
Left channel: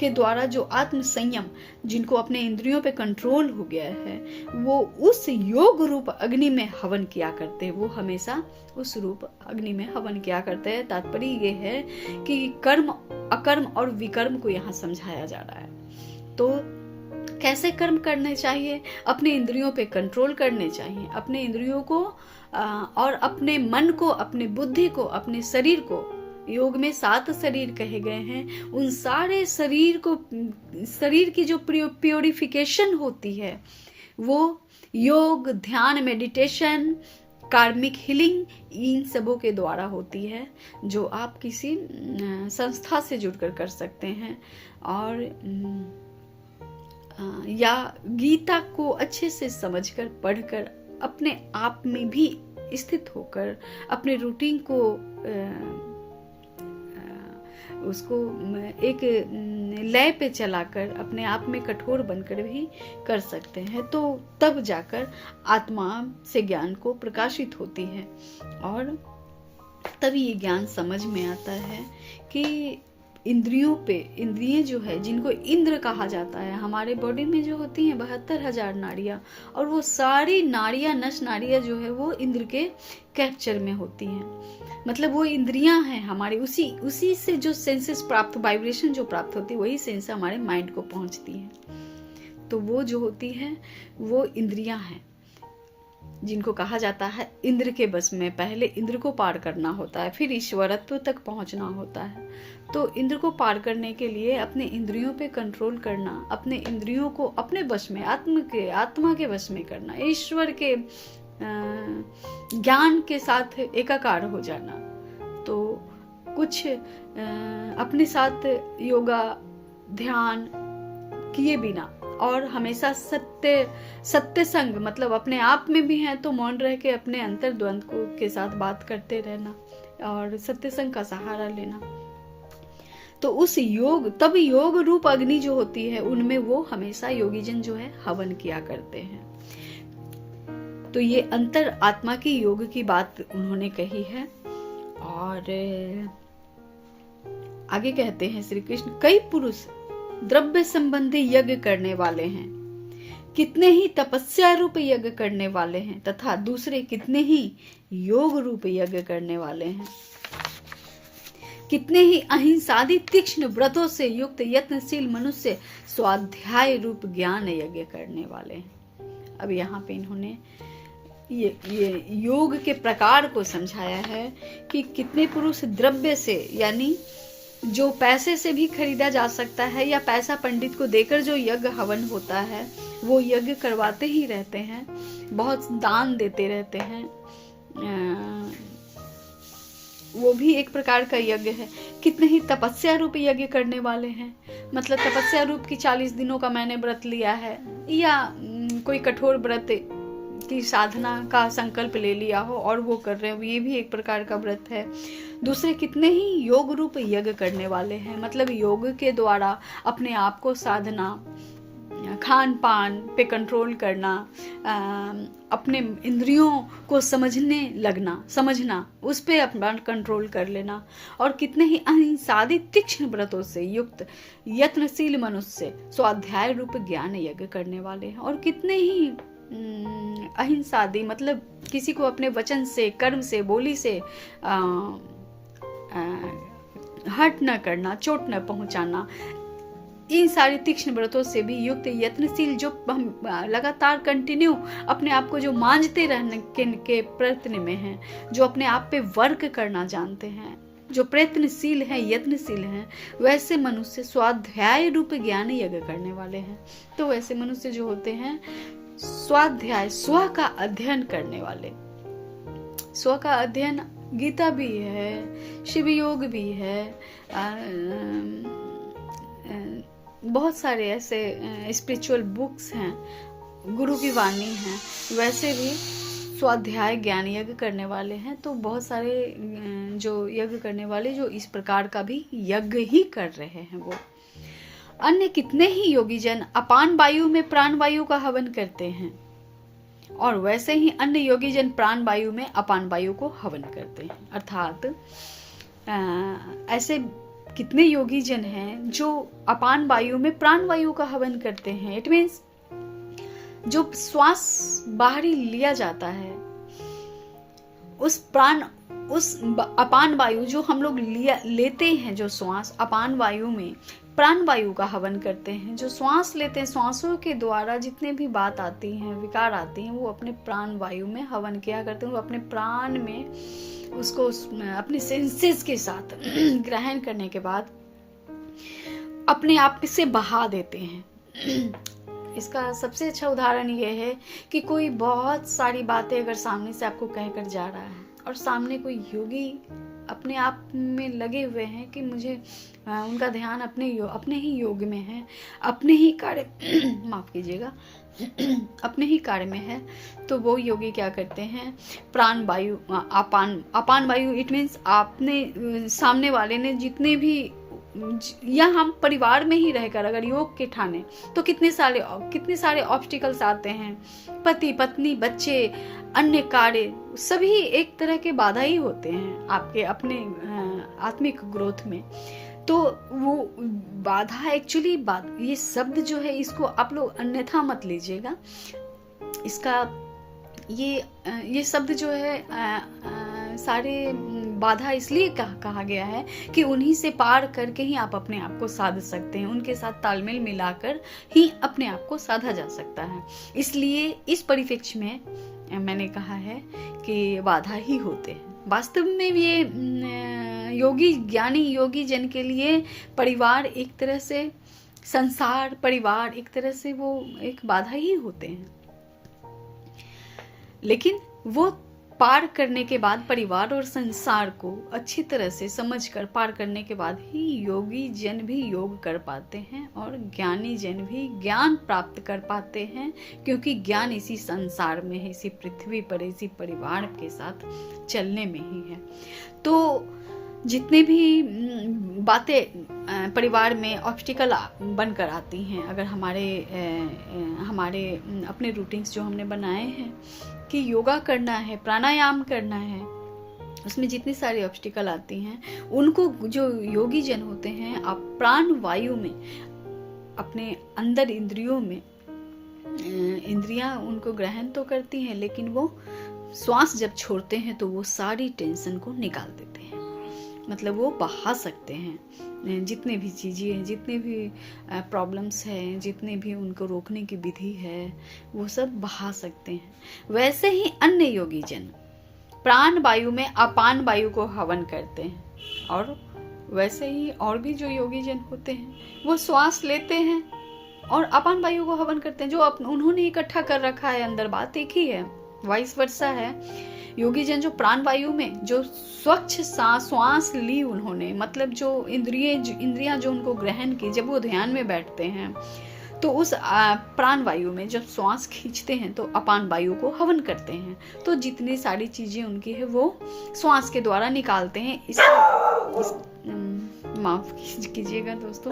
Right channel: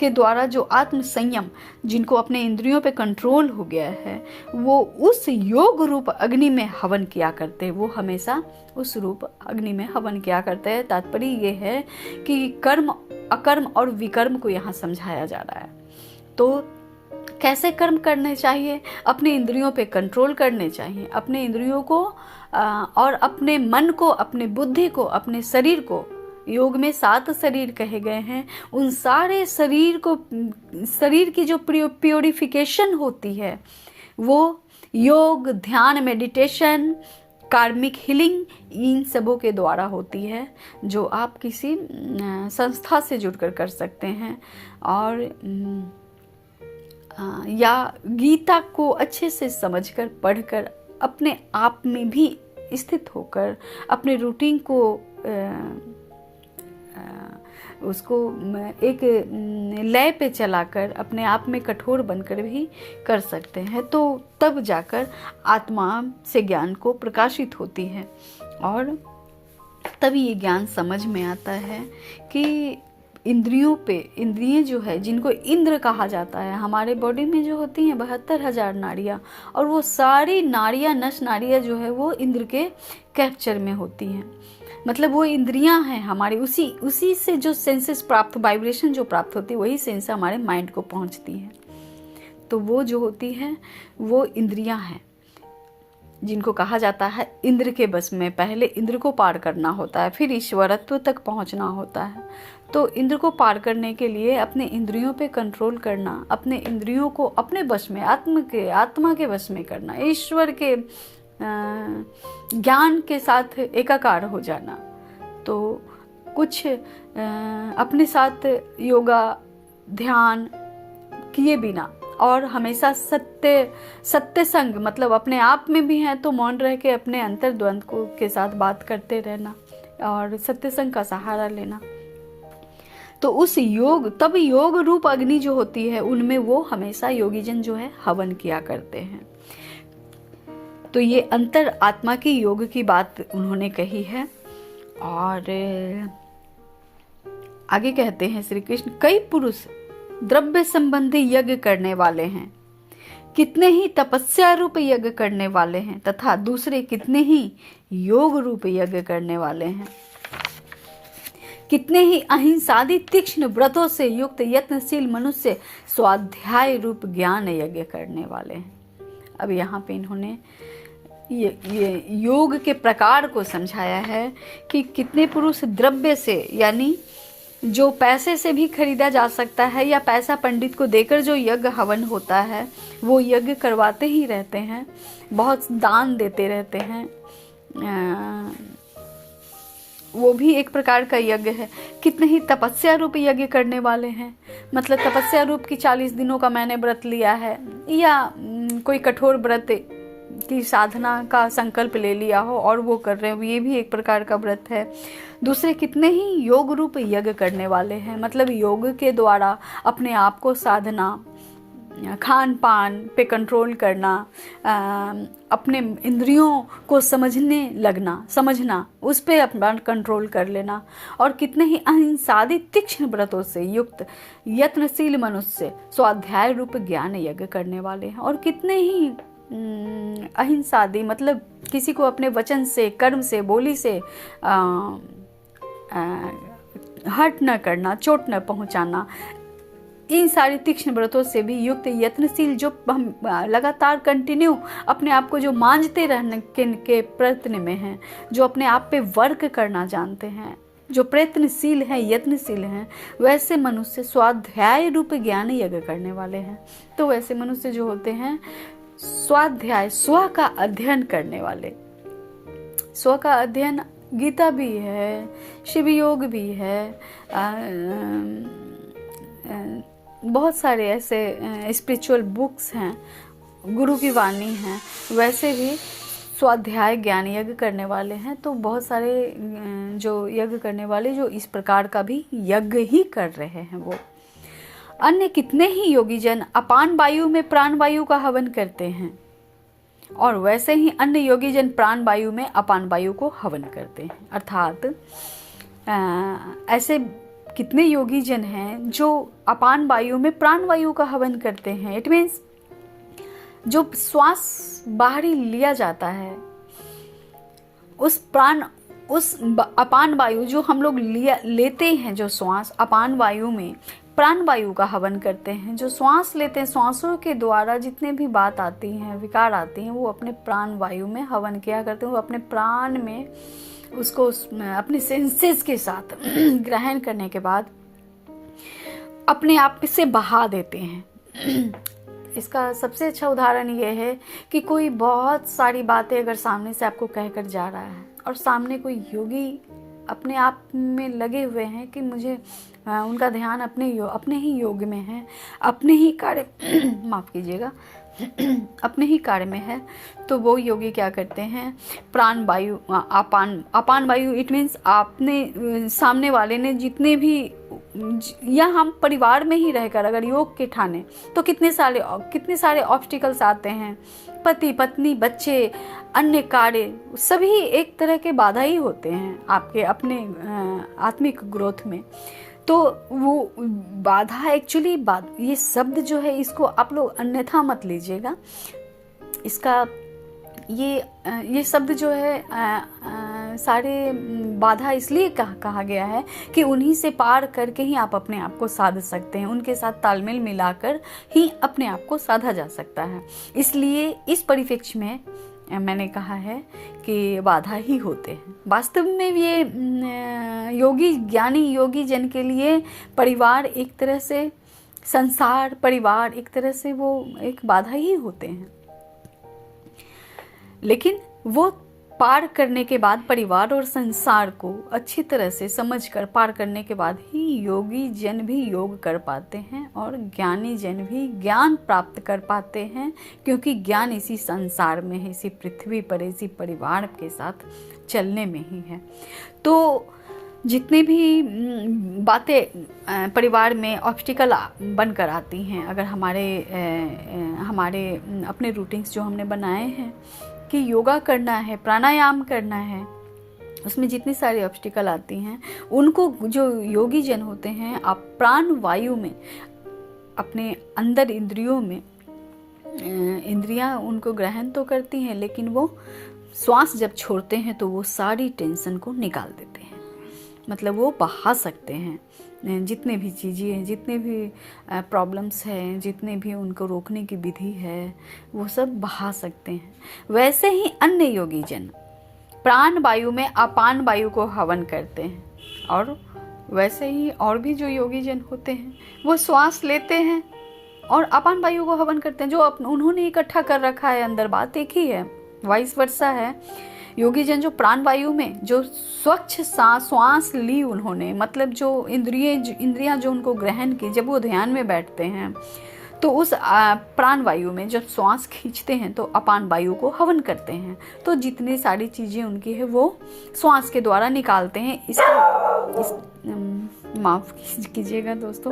के द्वारा जो आत्म संयम जिनको अपने इंद्रियों पे कंट्रोल हो गया है, वो उस योग रूप अग्नि में हवन किया करते हैं। वो हमेशा उस रूप अग्नि में हवन किया करते हैं। तात्पर्य ये है कि कर्म अकर्म और विकर्म को यहाँ समझाया जा रहा है। तो कैसे कर्म करने चाहिए? अपने इंद्रियों पे कंट्रोल करने चाहिए, अपने इंद्रियों को और अपने मन को, अपने बुद्धि को, अपने शरीर को। योग में 7 शरीर कहे गए हैं, उन सारे शरीर की जो प्योरिफिकेशन होती है वो योग, ध्यान, मेडिटेशन, कार्मिक हीलिंग, इन सबों के द्वारा होती है, जो आप किसी संस्था से जुड़कर कर सकते हैं, और या गीता को अच्छे से समझकर पढ़कर अपने आप में भी स्थित होकर अपने रूटीन को उसको एक लय पे चलाकर अपने आप में कठोर बनकर भी कर सकते हैं। तो तब जाकर आत्मा से ज्ञान को प्रकाशित होती है, और तभी ये ज्ञान समझ में आता है कि इंद्रिय जो है, जिनको इंद्र कहा जाता है, हमारे बॉडी में जो होती हैं 72,000 नाड़ियाँ, और वो सारी नाड़ियाँ, नस नाड़ियाँ जो है वो इंद्र के कैप्चर में होती हैं। मतलब वो इंद्रियां हैं हमारी, उसी से जो सेंसेस प्राप्त, वाइब्रेशन जो प्राप्त होती है, वही सेंस हमारे माइंड को पहुंचती है। तो वो जो होती है वो इंद्रियां हैं, जिनको कहा जाता है इंद्र के बस में। पहले इंद्र को पार करना होता है, फिर ईश्वरत्व तक पहुंचना होता है। तो इंद्र को पार करने के लिए अपने इंद्रियों पे कंट्रोल करना, अपने इंद्रियों को अपने वश में, आत्मा के वश में करना, ईश्वर के ज्ञान के साथ एकाकार हो जाना। तो कुछ अपने साथ योगा, ध्यान, किए बिना और हमेशा सत्य संग मतलब अपने आप में भी है तो मौन रह के अपने अंतर द्वंद को के साथ बात करते रहना और सत्य संग का सहारा लेना। तो उस तब योग रूप अग्नि जो होती है उनमें वो हमेशा योगीजन जो है हवन किया करते हैं। तो ये अंतर आत्मा की योग की बात उन्होंने कही है। और आगे कहते हैं श्री कृष्ण, कई पुरुष द्रव्य संबंधी यज्ञ करने वाले हैं, कितने ही तपस्या रूप यज्ञ करने वाले हैं तथा दूसरे कितने ही योग रूप यज्ञ करने वाले हैं, कितने ही अहिंसादि तीक्ष्ण व्रतों से युक्त यत्नशील मनुष्य स्वाध्याय रूप ज्ञान यज्ञ करने वाले हैं। अब यहाँ पे इन्होंने ये योग के प्रकार को समझाया है कि कितने पुरुष द्रव्य से यानी जो पैसे से भी खरीदा जा सकता है या पैसा पंडित को देकर जो यज्ञ हवन होता है वो यज्ञ करवाते ही रहते हैं, बहुत दान देते रहते हैं, वो भी एक प्रकार का यज्ञ है। कितने ही तपस्या रूप यज्ञ करने वाले हैं, मतलब तपस्या रूप की 40 दिनों का मैंने व्रत लिया है या कोई कठोर व्रत की साधना का संकल्प ले लिया हो और वो कर रहे हो, ये भी एक प्रकार का व्रत है। दूसरे कितने ही योग रूप यज्ञ करने वाले हैं, मतलब योग के द्वारा अपने आप को साधना, खान पान पे कंट्रोल करना, अपने इंद्रियों को समझना उस पे अपना कंट्रोल कर लेना, और कितने ही अहिंसादि तीक्ष्ण व्रतों से युक्त यत्नशील मनुष्य स्वाध्याय रूप ज्ञान यज्ञ करने वाले हैं। और कितने ही अहिंसादि मतलब किसी को अपने वचन से, कर्म से, बोली से हर्ट न करना, चोट न पहुंचाना, इन सारी तीक्ष्ण व्रतों से भी युक्त यत्नशील जो हम लगातार कंटिन्यू अपने आप को जो मांझते रहने के प्रयत्न में हैं, जो अपने आप पे वर्क करना जानते हैं, जो प्रयत्नशील हैं, यत्नशील हैं, वैसे मनुष्य स्वाध्याय रूप ज्ञान यज्ञ करने वाले हैं। तो वैसे मनुष्य जो होते हैं स्वाध्याय, स्व का अध्ययन करने वाले, स्व का अध्ययन गीता भी है, शिव योग भी है, बहुत सारे ऐसे स्पिरिचुअल बुक्स हैं, गुरु की वाणी है, वैसे भी स्वाध्याय ज्ञान यज्ञ करने वाले हैं। तो बहुत सारे जो यज्ञ करने वाले जो इस प्रकार का भी यज्ञ ही कर रहे हैं वो। अन्य कितने ही योगी जन अपान वायु में प्राण वायु का हवन करते हैं और वैसे ही अन्य योगी जन प्राण वायु में अपान वायु को हवन करते हैं। अर्थात ऐसे कितने योगी जन हैं जो अपान वायु में प्राण वायु का हवन करते हैं। इट मीन्स जो श्वास बाहरी लिया जाता है उस अपान वायु जो हम लोग लेते हैं, जो श्वास अपान वायु में प्राण वायु का हवन करते हैं। जो श्वास लेते हैं, श्वासों के द्वारा जितने भी बात आती हैं, विकार आती हैं, वो अपने प्राण वायु में हवन किया करते हैं। वो अपने प्राण में उसको अपने सेंसेस के साथ ग्रहण करने के बाद अपने आप से बहा देते हैं। इसका सबसे अच्छा उदाहरण ये है कि कोई बहुत सारी बातें अगर सामने से आपको कहकर जा रहा है और सामने कोई योगी अपने आप में लगे हुए हैं कि मुझे उनका ध्यान अपने ही योग में है, अपने ही कार्य माफ कीजिएगा अपने ही कार्य में है, तो वो योगी क्या करते हैं, प्राण वायु अपान वायु, इट मीन्स आपने सामने वाले ने जितने भी, या हम परिवार में ही रहकर अगर योग के ठाने तो कितने सारे ऑब्स्टिकल्स आते हैं, पति पत्नी बच्चे अन्य कार्य सभी एक तरह के बाधा ही होते हैं आपके अपने आत्मिक ग्रोथ में। तो वो बाधा एक्चुअली ये शब्द जो है इसको आप लोग अन्यथा मत लीजिएगा। इसका ये शब्द जो है सारे बाधा इसलिए कहा गया है कि उन्हीं से पार करके ही आप अपने आप को साध सकते हैं, उनके साथ तालमेल मिलाकर ही अपने आप को साधा जा सकता है। इसलिए इस परिप्रेक्ष्य में मैंने कहा है कि बाधा ही होते हैं। वास्तव में ये ज्ञानी योगी जन के लिए परिवार एक तरह से, संसार परिवार एक तरह से वो एक बाधा ही होते हैं, लेकिन वो पार करने के बाद, परिवार और संसार को अच्छी तरह से समझकर पार करने के बाद ही योगी जन भी योग कर पाते हैं और ज्ञानी जन भी ज्ञान प्राप्त कर पाते हैं, क्योंकि ज्ञान इसी संसार में है, इसी पृथ्वी पर, इसी परिवार के साथ चलने में ही है। तो जितनी भी बातें परिवार में ऑब्स्टिकल बनकर आती हैं, अगर हमारे अपने रूटीन्स जो हमने बनाए हैं कि योगा करना है, प्राणायाम करना है, उसमें जितनी सारी ऑब्स्टिकल आती हैं, उनको जो योगी जन होते हैं, आप प्राण वायु में, अपने अंदर इंद्रियों में, इंद्रियां उनको ग्रहण तो करती हैं, लेकिन वो श्वास जब छोड़ते हैं तो वो सारी टेंशन को निकाल देते हैं। मतलब वो बहा सकते हैं जितने भी चीज़ें हैं, जितने भी प्रॉब्लम्स हैं, जितने भी उनको रोकने की विधि है, वो सब बहा सकते हैं। वैसे ही अन्य योगी जन प्राण वायु में अपान वायु को हवन करते हैं, और वैसे ही और भी जो योगी जन होते हैं वो श्वास लेते हैं और अपान वायु को हवन करते हैं, जो उन्होंने इकट्ठा कर रखा है अंदर। बात एक ही है, वाइस वर्सा है। योगी जन जो प्राण वायु में जो स्वच्छ श्वास ली उन्होंने, मतलब जो इंद्रियां जो उनको ग्रहण की, जब वो ध्यान में बैठते हैं तो उस प्राण वायु में जब श्वास खींचते हैं तो अपान वायु को हवन करते हैं। तो जितनी सारी चीजें उनकी है वो श्वास के द्वारा निकालते हैं। माफ कीजिएगा दोस्तों।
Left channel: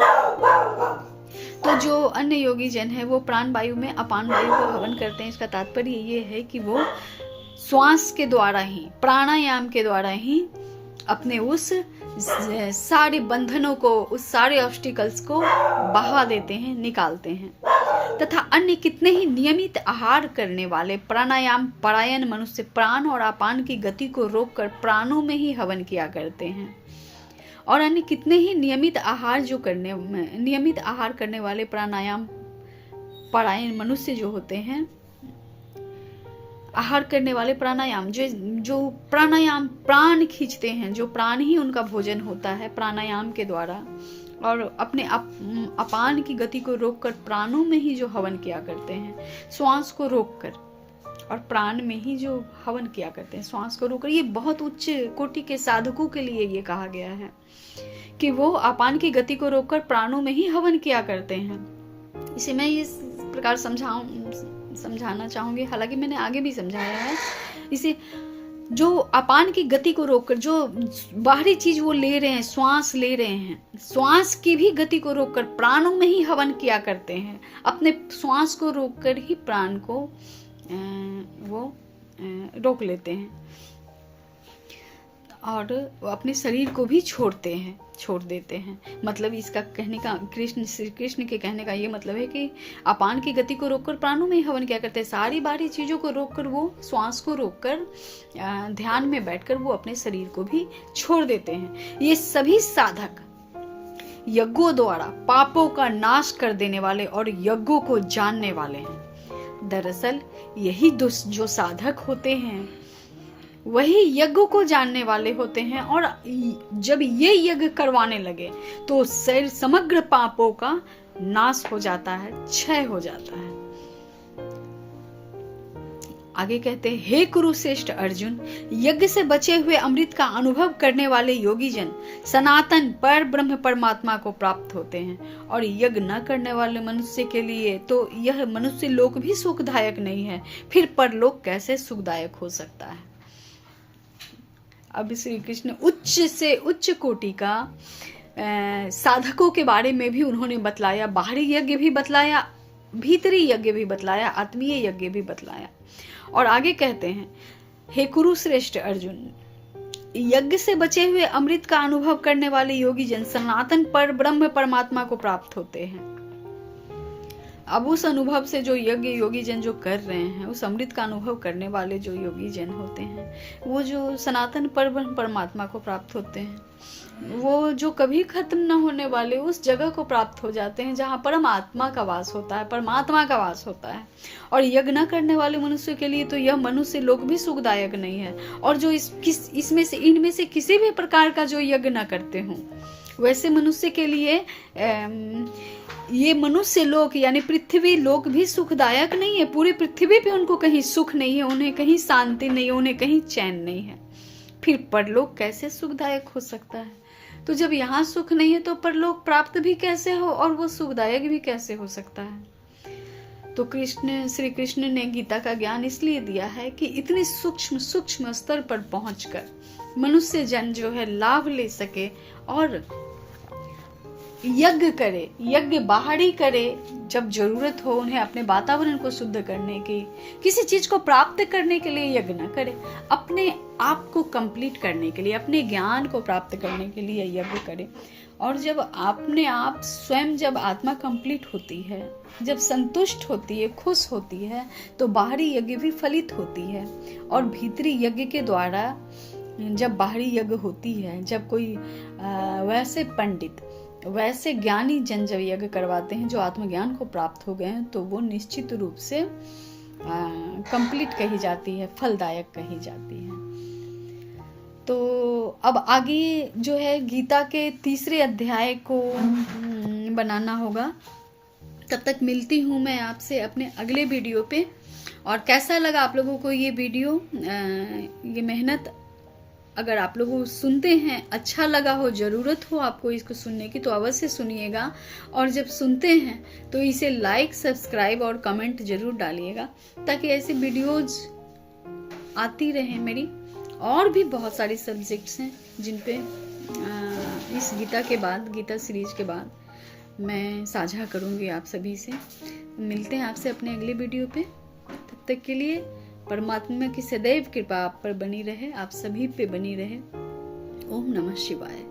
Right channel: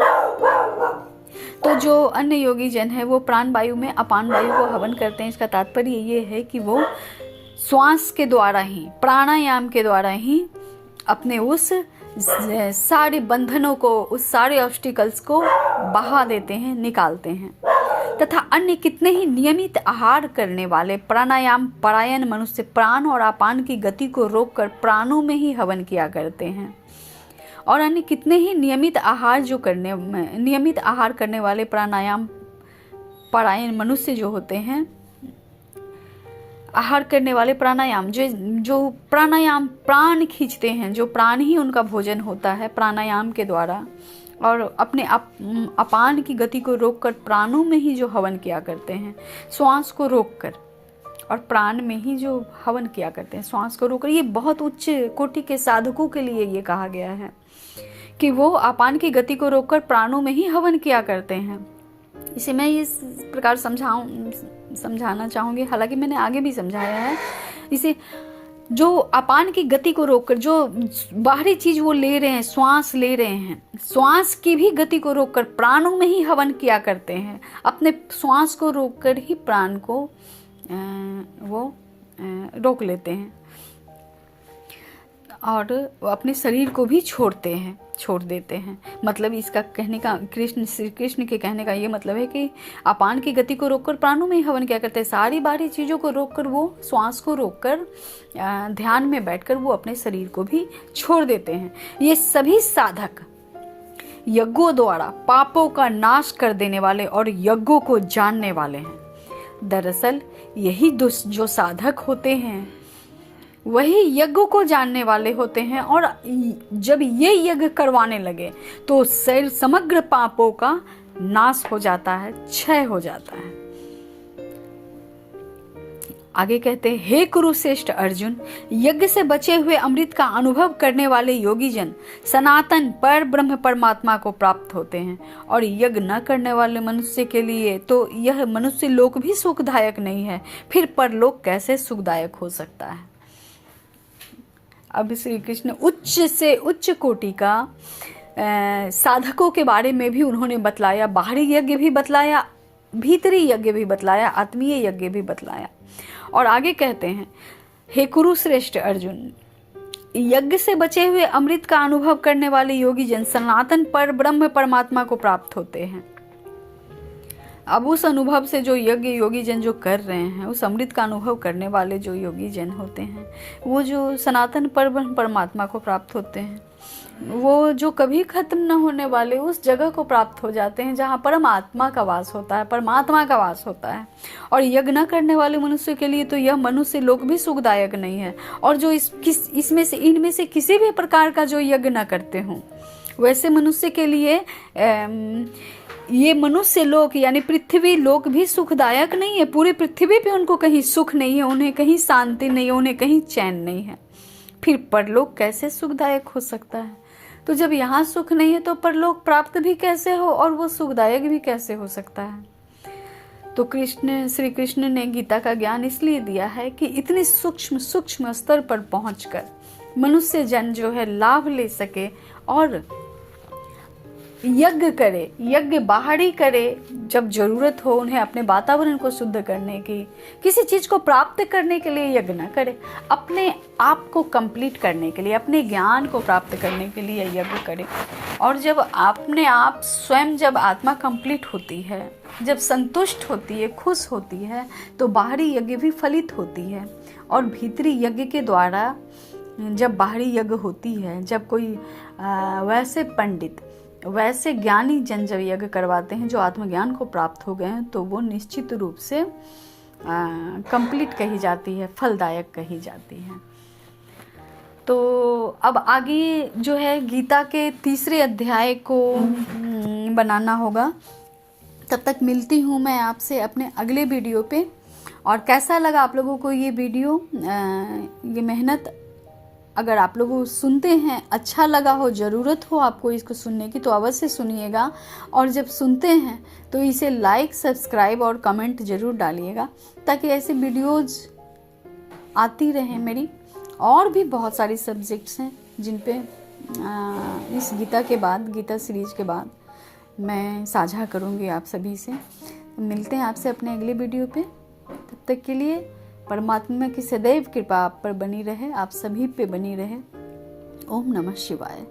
तो जो अन्य योगी जन है वो प्राण वायु में अपान वायु को हवन करते हैं। इसका तात्पर्य ये है कि वो श्वास के द्वारा ही, प्राणायाम के द्वारा ही अपने उस सारे बंधनों को, उस सारे ऑब्स्टिकल्स को बहा देते हैं, निकालते हैं। तथा अन्य कितने ही नियमित आहार करने वाले प्राणायाम परायण मनुष्य प्राण और अपान की गति को रोककर प्राणों में ही हवन किया करते हैं। और अन्य कितने ही नियमित आहार करने वाले प्राणायाम परायण मनुष्य जो होते हैं, आहार करने वाले प्राणायाम जो प्राणायाम प्राण खींचते हैं, जो प्राण ही उनका भोजन होता है प्राणायाम के द्वारा, और अपने अपान की गति को रोककर प्राणों में ही जो हवन किया करते हैं, श्वास को रोककर, और प्राण में ही जो हवन किया करते हैं श्वास को रोककर। ये बहुत उच्च कोटि के साधकों के लिए ये कहा गया है कि वो अपान की गति को रोककर प्राणों में ही हवन किया करते हैं। इसे मैं इस प्रकार समझाना चाहूंगी, हालांकि मैंने आगे भी समझाया है। इसे जो अपान की गति को रोककर जो बाहरी चीज वो ले रहे हैं, श्वास ले रहे हैं, श्वास की भी गति को रोककर प्राणों में ही हवन किया करते हैं। अपने श्वास को रोककर ही प्राण को वो रोक लेते हैं, और अपने शरीर को भी छोड़ देते हैं। मतलब इसका कहने का, श्री कृष्ण के कहने का ये मतलब है कि अपान की गति को रोककर प्राणों में ही हवन क्या करते हैं। सारी बाहरी चीजों को रोककर, वो श्वास को रोककर ध्यान में बैठकर वो अपने शरीर को भी छोड़ देते हैं। ये सभी साधक यज्ञों द्वारा पापों का नाश कर देने वाले और यज्ञों को जानने वाले हैं। दरअसल यही जो साधक होते हैं वही यज्ञ को जानने वाले होते हैं, और जब ये यज्ञ करवाने लगे तो समग्र पापों का नाश हो जाता है, क्षय हो जाता है। आगे कहते हैं, हे कुरुश्रेष्ठ अर्जुन, यज्ञ से बचे हुए अमृत का अनुभव करने वाले योगी जन सनातन पर ब्रह्म परमात्मा को प्राप्त होते हैं, और यज्ञ न करने वाले मनुष्य के लिए तो यह मनुष्य लोक भी सुखदायक नहीं है, फिर परलोक कैसे सुखदायक हो सकता है। अब श्री कृष्ण उच्च से उच्च कोटि का साधकों के बारे में भी उन्होंने बतलाया, बाहरी यज्ञ भी बतलाया, भीतरी यज्ञ भी बतलाया, आत्मीय यज्ञ भी बतलाया। और आगे कहते हैं, हे कुरुश्रेष्ठ अर्जुन, यज्ञ से बचे हुए अमृत का अनुभव करने वाले योगी जन सनातन पर ब्रह्म परमात्मा को प्राप्त होते हैं। अब उस अनुभव से जो यज्ञ योगी जन जो कर रहे हैं, उस अमृत का अनुभव करने वाले जो योगी जन होते हैं, वो जो सनातन पर ब्रह्म परमात्मा को प्राप्त होते हैं, वो जो कभी खत्म न होने वाले उस जगह को प्राप्त हो जाते हैं जहाँ परमात्मा का वास होता है, परमात्मा का वास होता है। और यज्ञ न करने वाले मनुष्य के लिए तो यह मनुष्य लोक भी सुखदायक नहीं है। और जो इनमें से किसी भी प्रकार का जो यज्ञ न करते हों, वैसे मनुष्य के लिए ये मनुष्य लोक यानी पृथ्वी लोक भी सुखदायक नहीं है। पूरी पृथ्वी पे उनको कहीं सुख नहीं है, उन्हें कहीं शांति नहीं है, उन्हें कहीं चैन नहीं है। फिर परलोक कैसे सुखदायक हो सकता है? तो जब यहाँ सुख नहीं है तो परलोक प्राप्त भी कैसे हो और वो सुखदायक भी कैसे हो सकता है? तो श्री कृष्ण ने गीता का ज्ञान इसलिए दिया है कि इतने सूक्ष्म स्तर पर पहुंचकर मनुष्य जन जो है लाभ ले सके और यज्ञ करे, यज्ञ बाहरी करे जब जरूरत हो उन्हें अपने वातावरण को शुद्ध करने की, किसी चीज को प्राप्त करने के लिए यज्ञ न करे, अपने आप को कंप्लीट करने के लिए, अपने ज्ञान को प्राप्त करने के लिए यज्ञ करे। और जब अपने आप स्वयं जब आत्मा कंप्लीट होती है, जब संतुष्ट होती है, खुश होती है, तो बाहरी यज्ञ भी फलित होती है। और भीतरी यज्ञ के द्वारा जब बाहरी यज्ञ होती है, जब कोई वैसे पंडित, वैसे ज्ञानी जन जब यज्ञ करवाते हैं जो आत्मज्ञान को प्राप्त हो गए हैं, तो वो निश्चित रूप से कंप्लीट कही जाती है, फलदायक कही जाती है। तो अब आगे जो है गीता के तीसरे अध्याय को बनाना होगा। तब तक मिलती हूँ मैं आपसे अपने अगले वीडियो पे। और कैसा लगा आप लोगों को ये वीडियो, ये मेहनत अगर आप लोग सुनते हैं, अच्छा लगा हो, ज़रूरत हो आपको इसको सुनने की, तो अवश्य सुनिएगा। और जब सुनते हैं तो इसे लाइक, सब्सक्राइब और कमेंट ज़रूर डालिएगा, ताकि ऐसी वीडियोज़ आती रहें मेरी। और भी बहुत सारी सब्जेक्ट्स हैं जिन पे इस गीता के बाद, गीता सीरीज के बाद मैं साझा करूँगी आप सभी से। मिलते हैं आपसे अपने अगले वीडियो पे। तब तक के लिए परमात्मा की सदैव कृपा आप पर बनी रहे, आप सभी पे बनी रहे। ओम नमः शिवाय।